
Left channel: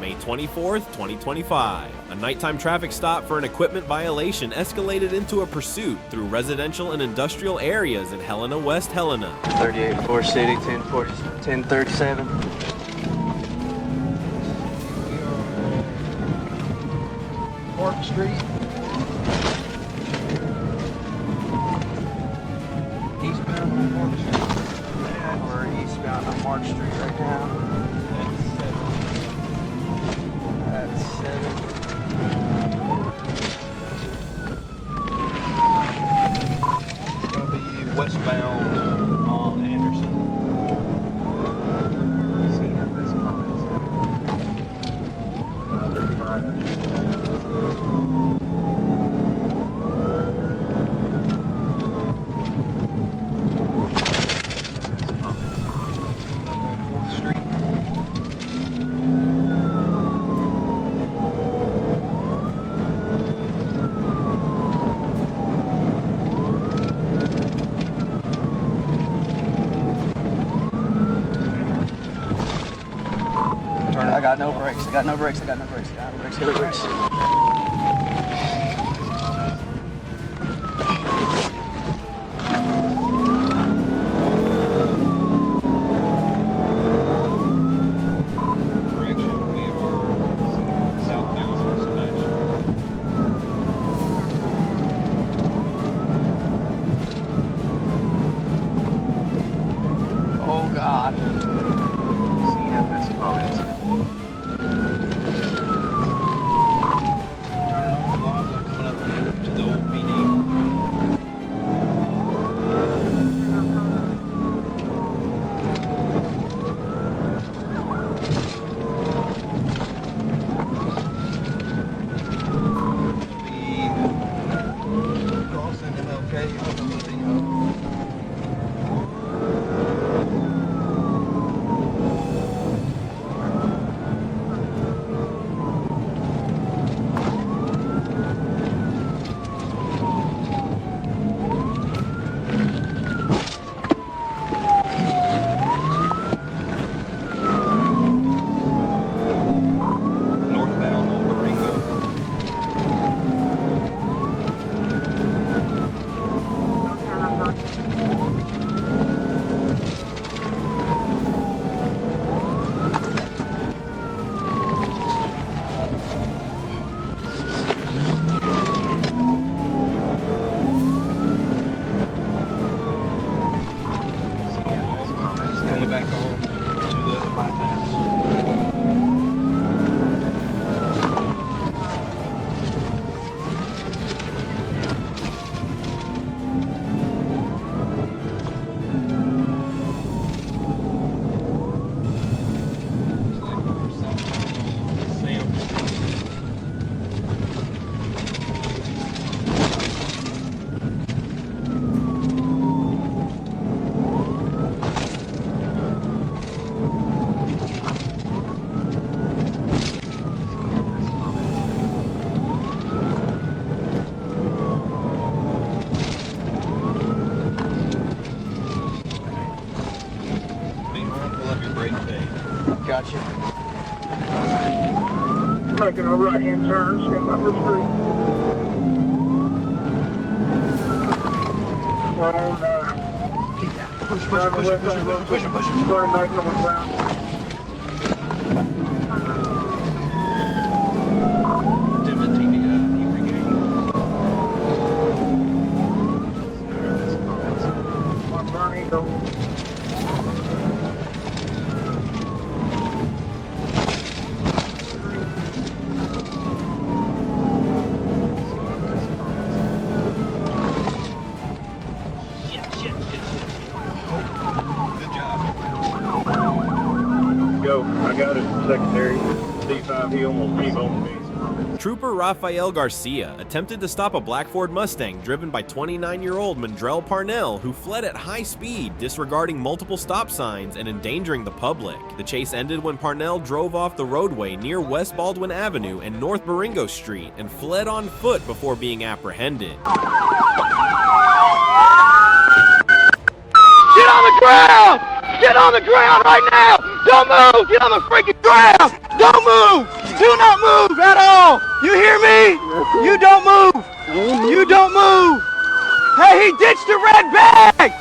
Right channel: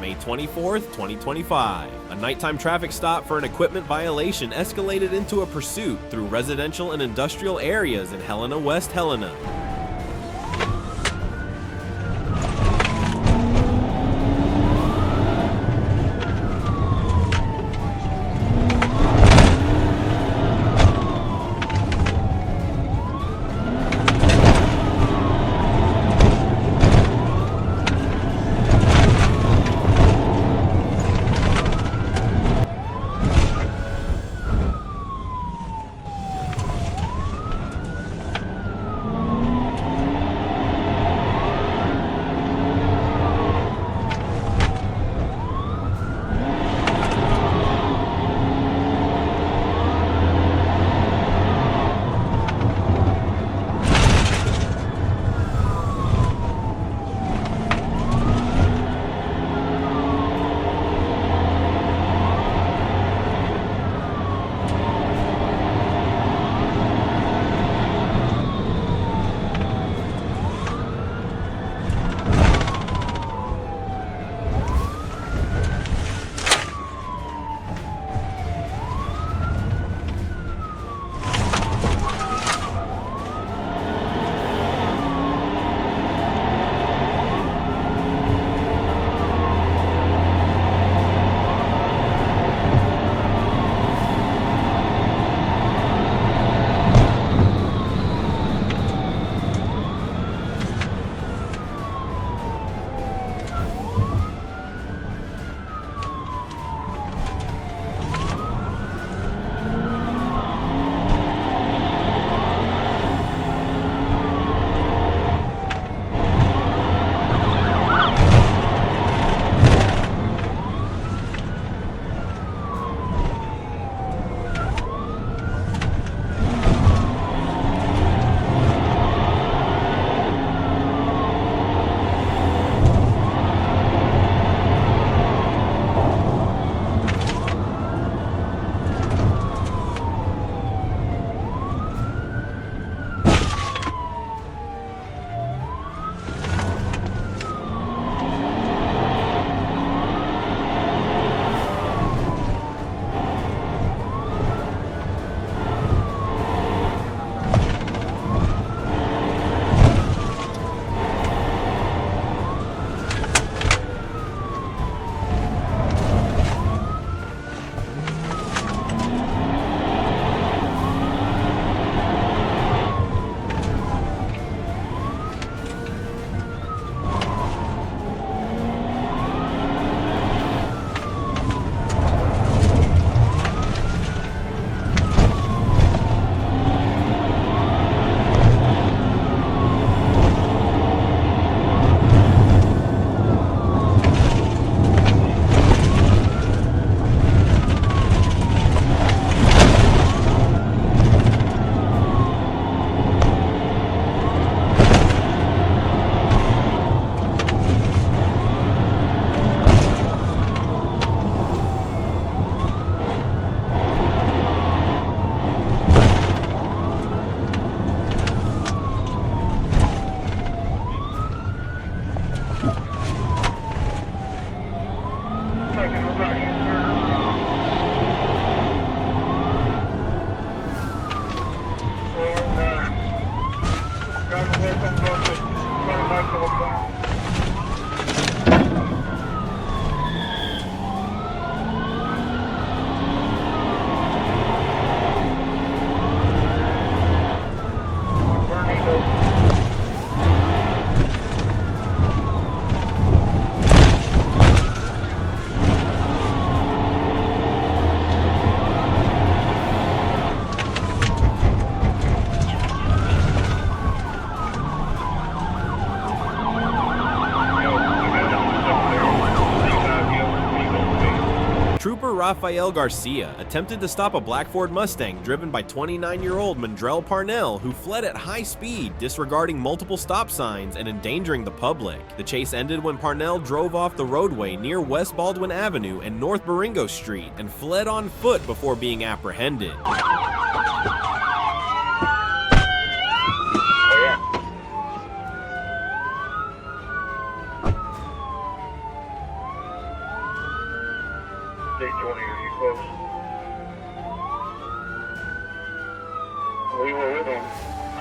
May 24th, 2025. A nighttime traffic stop for an equipment violation escalated into a pursuit through residential and industrial areas in Helena, West Helena. 38 4 City, 1037. Park Street. Got no brakes. Oh God. Trooper Rafael Garcia attempted to stop a black Ford Mustang driven by 29-year-old Mandrell Parnell, who fled at high speed, disregarding multiple stop signs and endangering the public. The chase ended when Parnell drove off the roadway near West Baldwin Avenue and North Baringo Street and fled on foot before being apprehended. Get on the ground! Get on the ground right now! Don't move! Get on the freaking ground! Don't move! Do not move at all! You hear me? You don't move! You don't move! Hey, he ditched the red bag!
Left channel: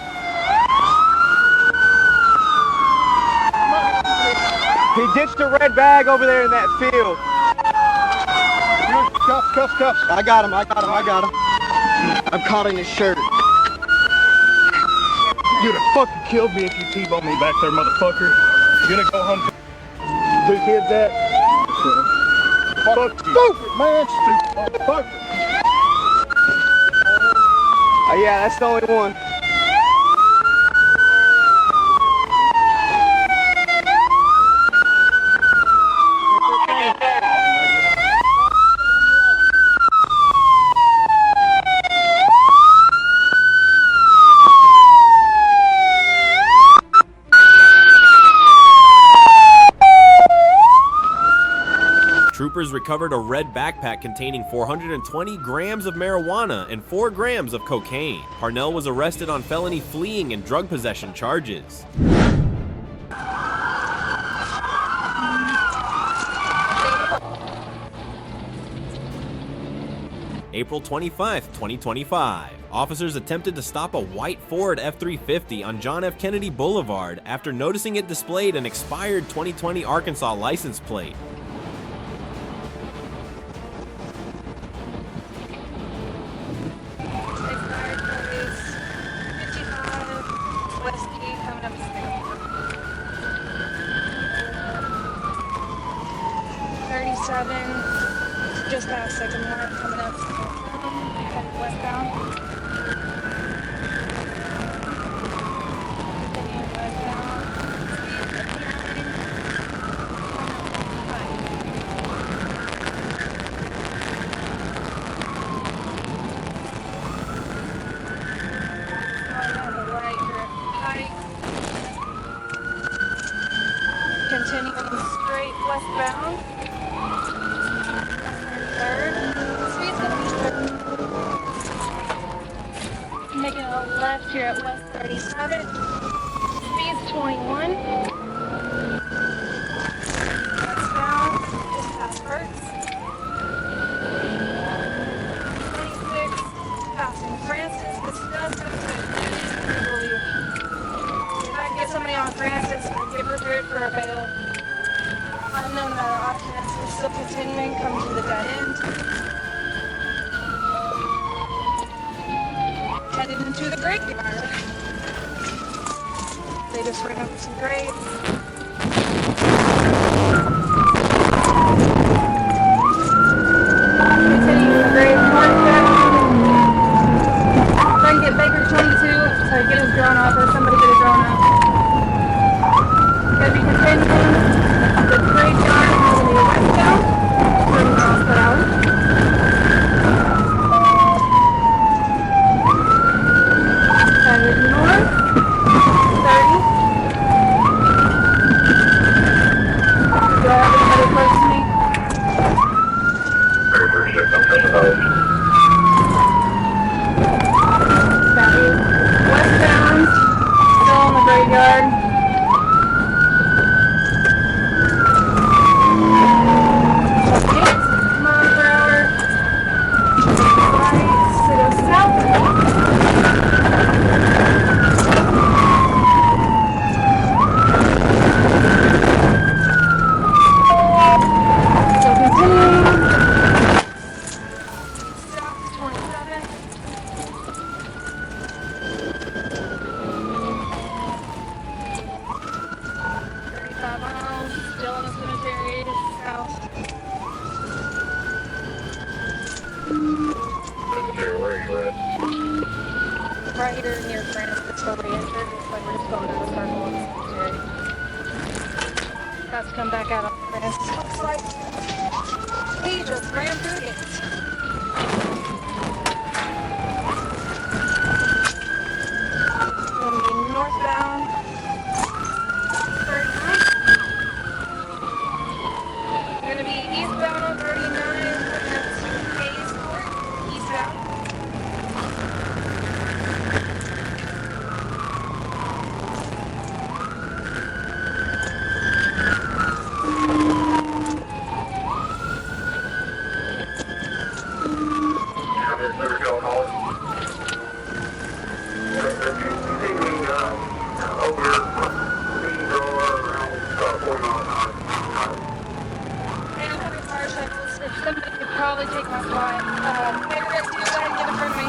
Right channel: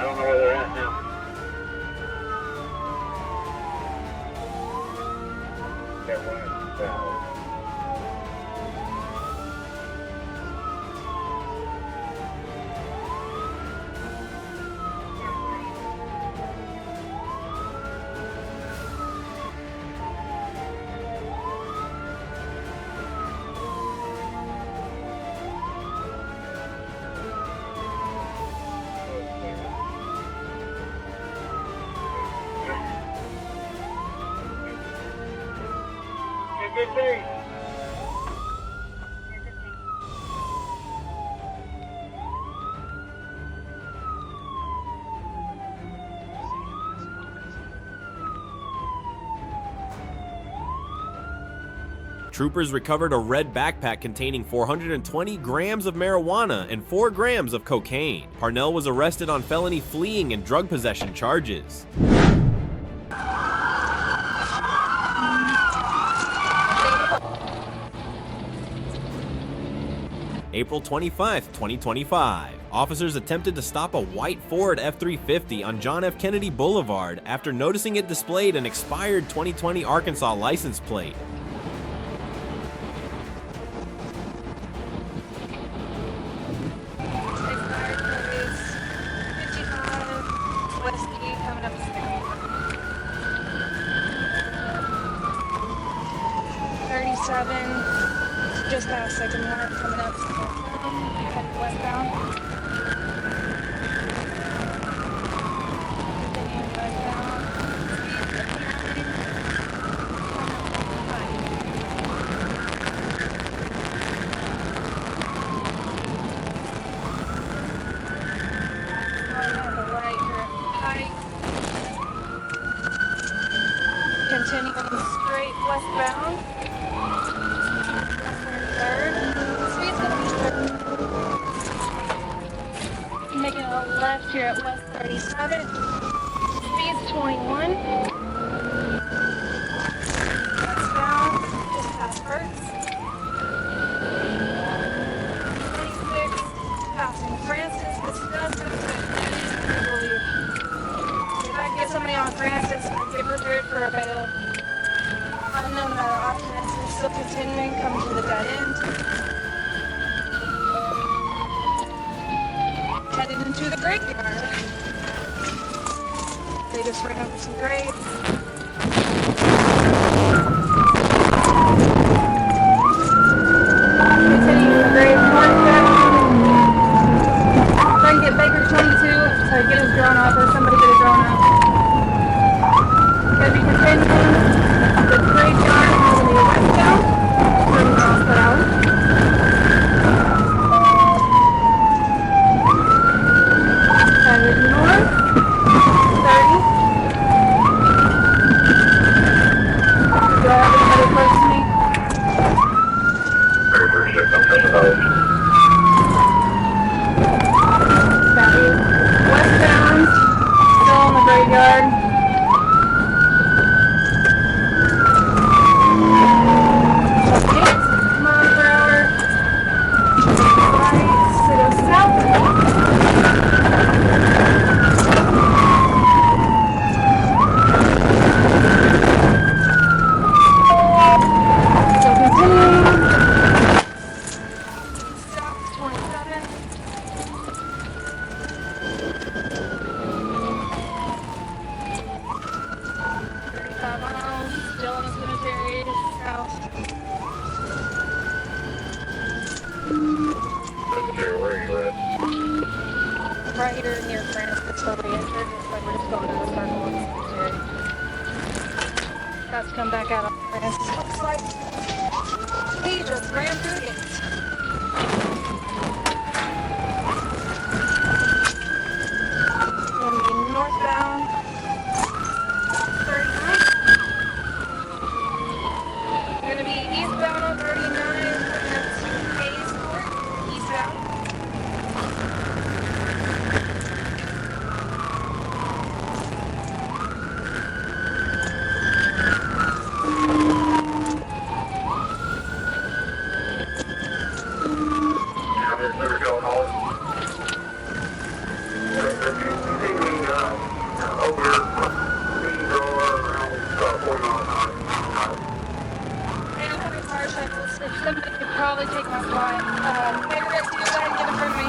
He ditched the red bag over there in that field. Cuffs. I got him. I'm caught in his shirt. You'd have fucking killed me if you T-boned me back there, motherfucker. You gonna go home? Who did that? Fuck stupid, man. Stupid motherfucker. Oh yeah, that's the only one. Troopers recovered a red backpack containing 420 grams of marijuana and 4 grams of cocaine. Parnell was arrested on felony fleeing and drug possession charges. April 25, 2025. Officers attempted to stop a white Ford F-350 on John F. Kennedy Boulevard after noticing it displayed an expired 2020 Arkansas license plate. Just past Second Mark, coming up, headed westbound. Continuing westbound. Going on the right, you're at height. Continuing straight westbound. Making a left here at West 37. Speed's 21. Westbound, just past Hertz. 26, passing Francis. This does come to if I can get somebody on Francis, I'd get prepared for a bail. Unknown amount of options. We're still continuing, coming to the dead end. Headed into the graveyard. They just ran over some graves. Continuing the grave northbound. Try and get Baker 22 to get his drone off, or somebody get a drone off. Gonna be continuing the graveyard moving to westbound. Bring the hospital. Headed north, 30. Do I have anybody close to me? Westbound, still in the graveyard. Mile per hour. Right, so go south. Right here near Francis, where we entered. Looks like we're just going in a circle in the cemetery. About to come back out on Francis. Looks like he just ran through the motorcycles. If somebody could probably take my spot. Hey, we're gonna do that and get in front of me.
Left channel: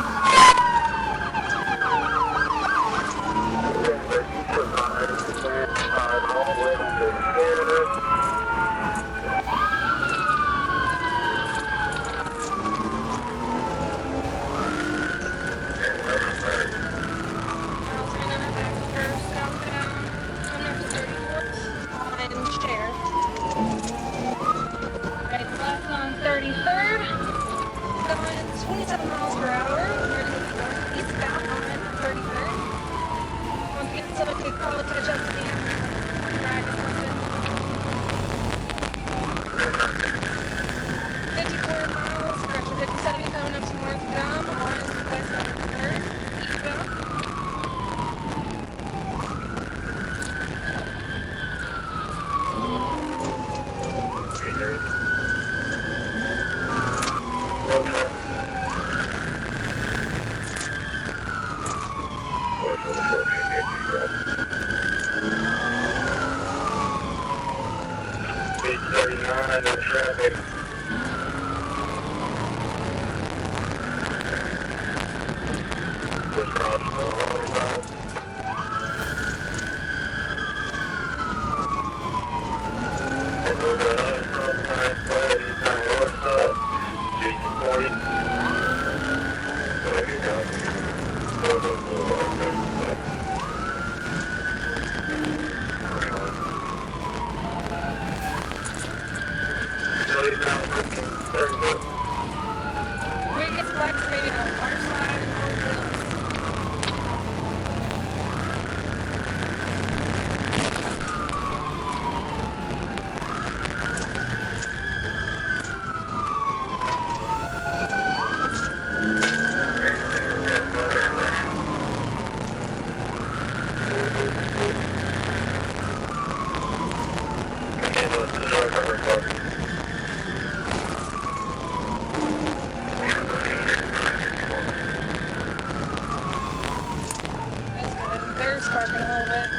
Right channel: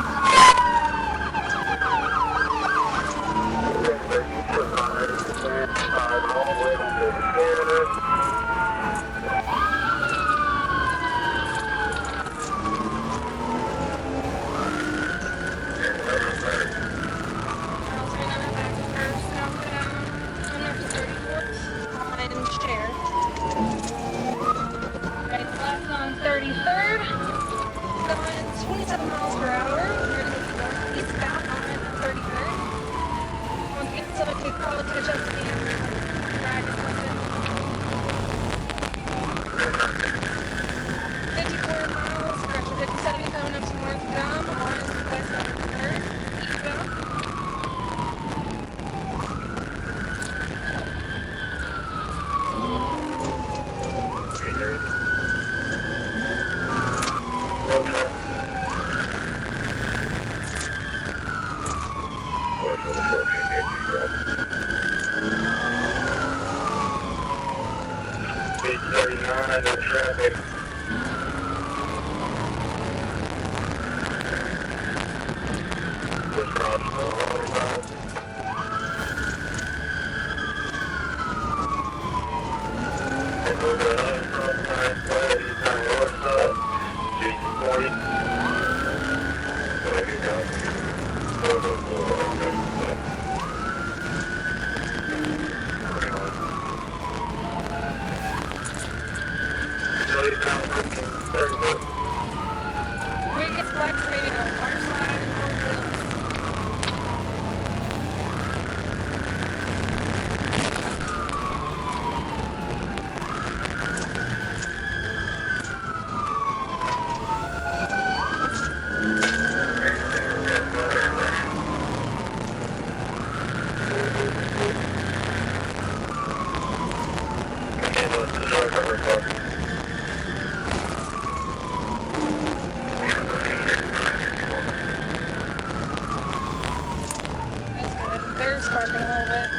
Right, left on 33rd, going 27 miles per hour. We're going to go eastbound on 33rd. Once again, someone could probably catch up to me after drag or something. 54 miles, correction, 57 going up to North Gum on West 33rd, eastbound. They're sparking a little bit.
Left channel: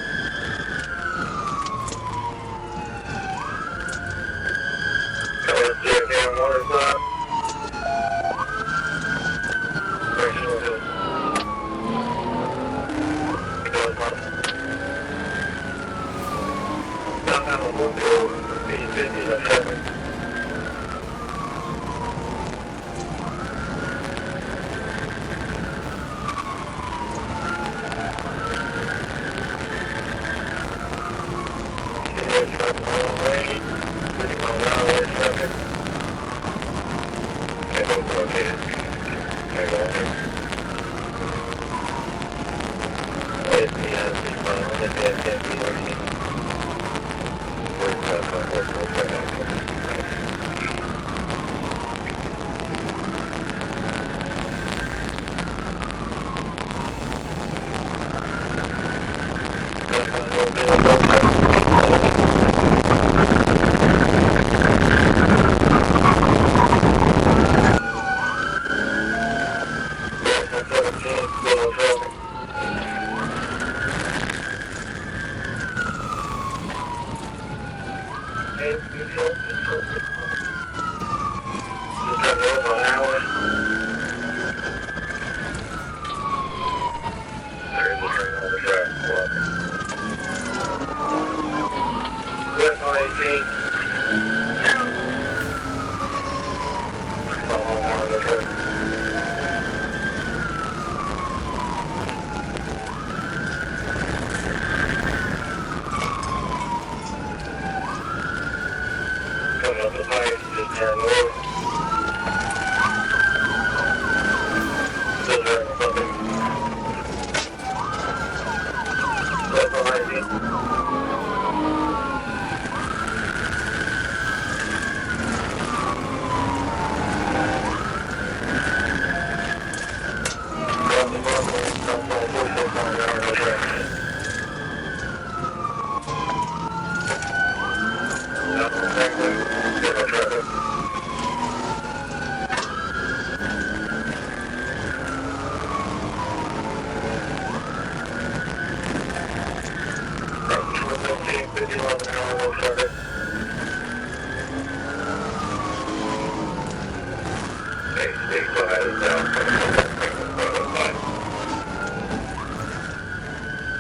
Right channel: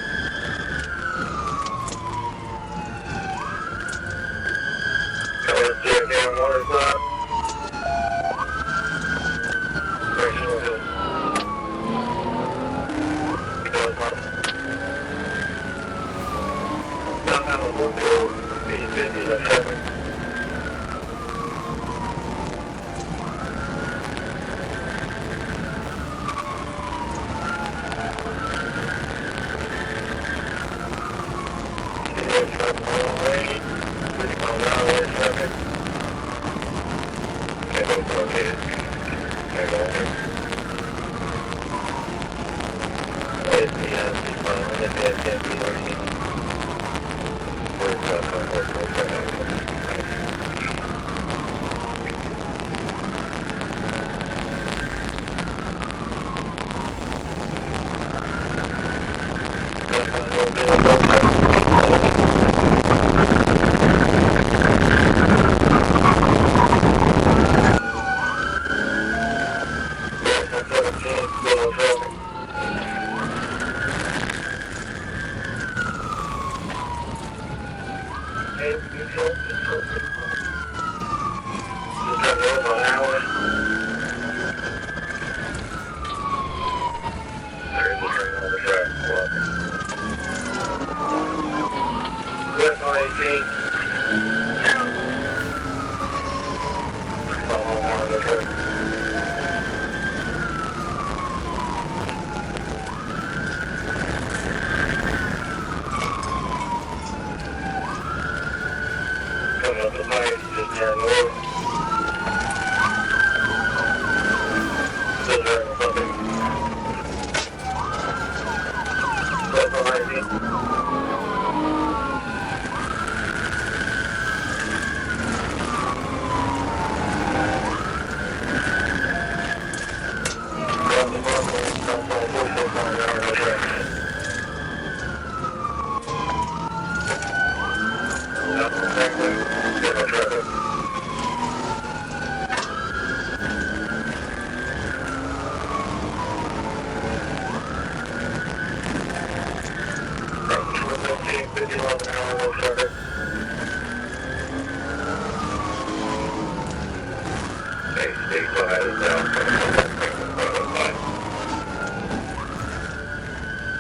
headed down.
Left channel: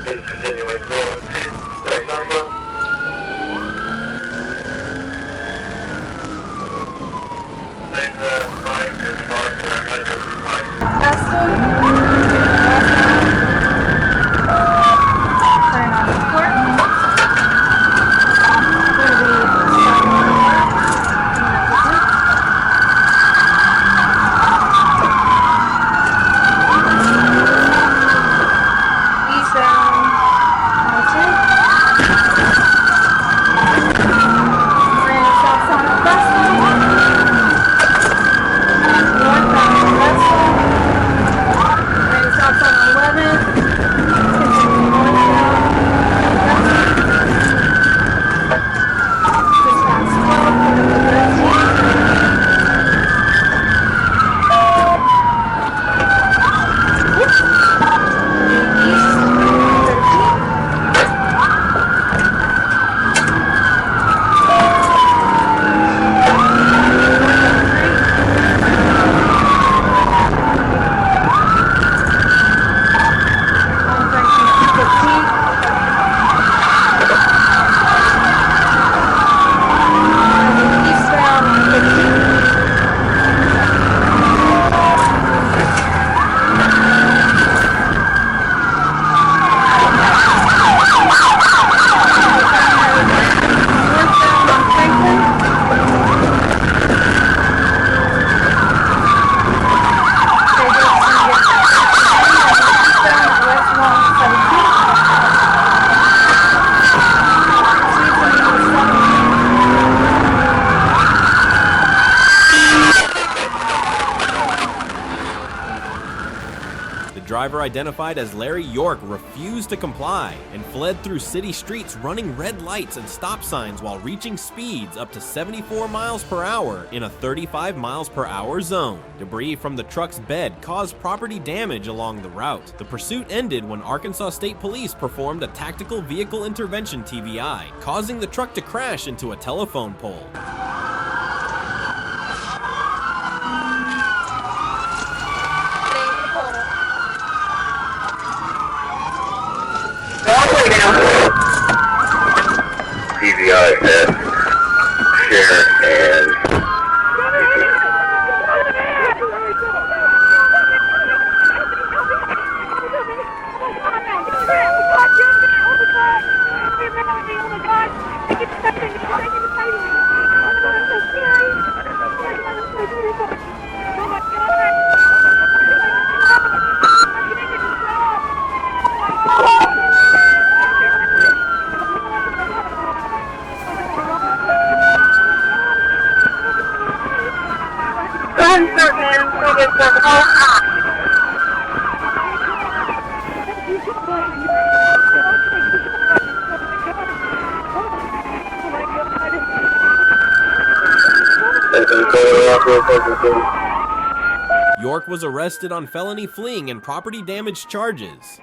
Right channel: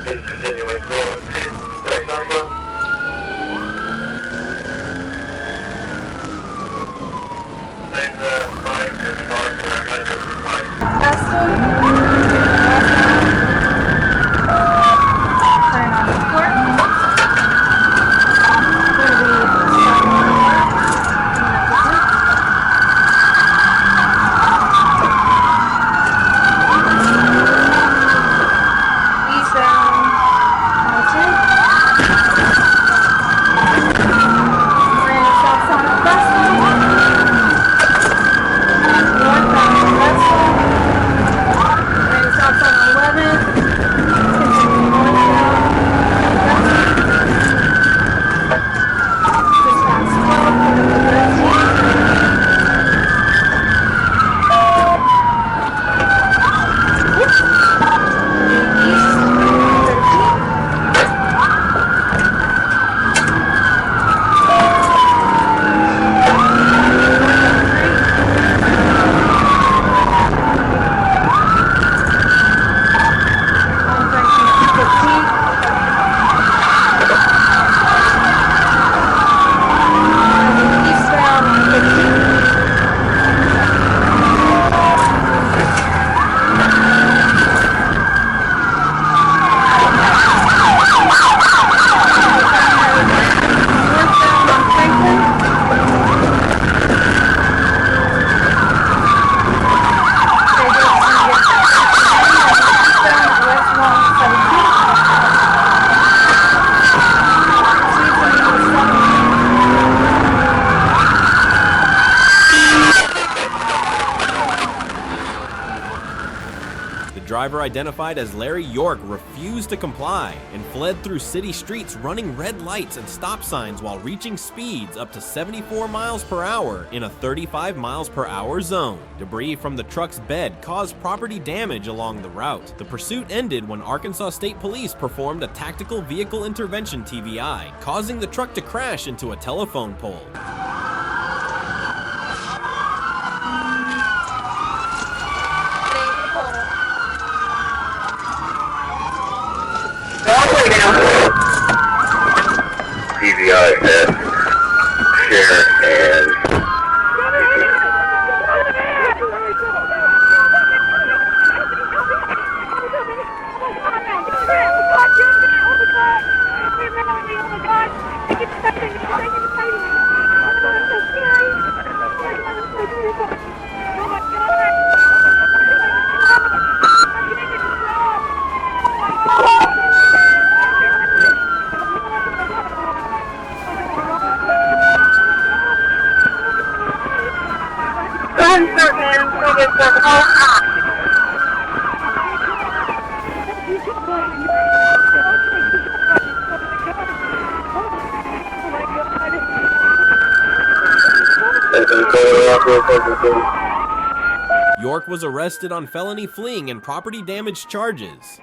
Please continuing forward. The driver, identified as Larry York, refused to comply and fled through city streets running red lights and stop signs while reaching speeds up to 74 miles per hour in a 35 miles per hour zone. Debris from the truck's bed caused property damage along the route. The pursuit ended when Arkansas State Police performed a tactical vehicle intervention TVI, causing the truck to crash into a telephone pole. TVI at share and York was arrested on felony fleeing and property damage charges.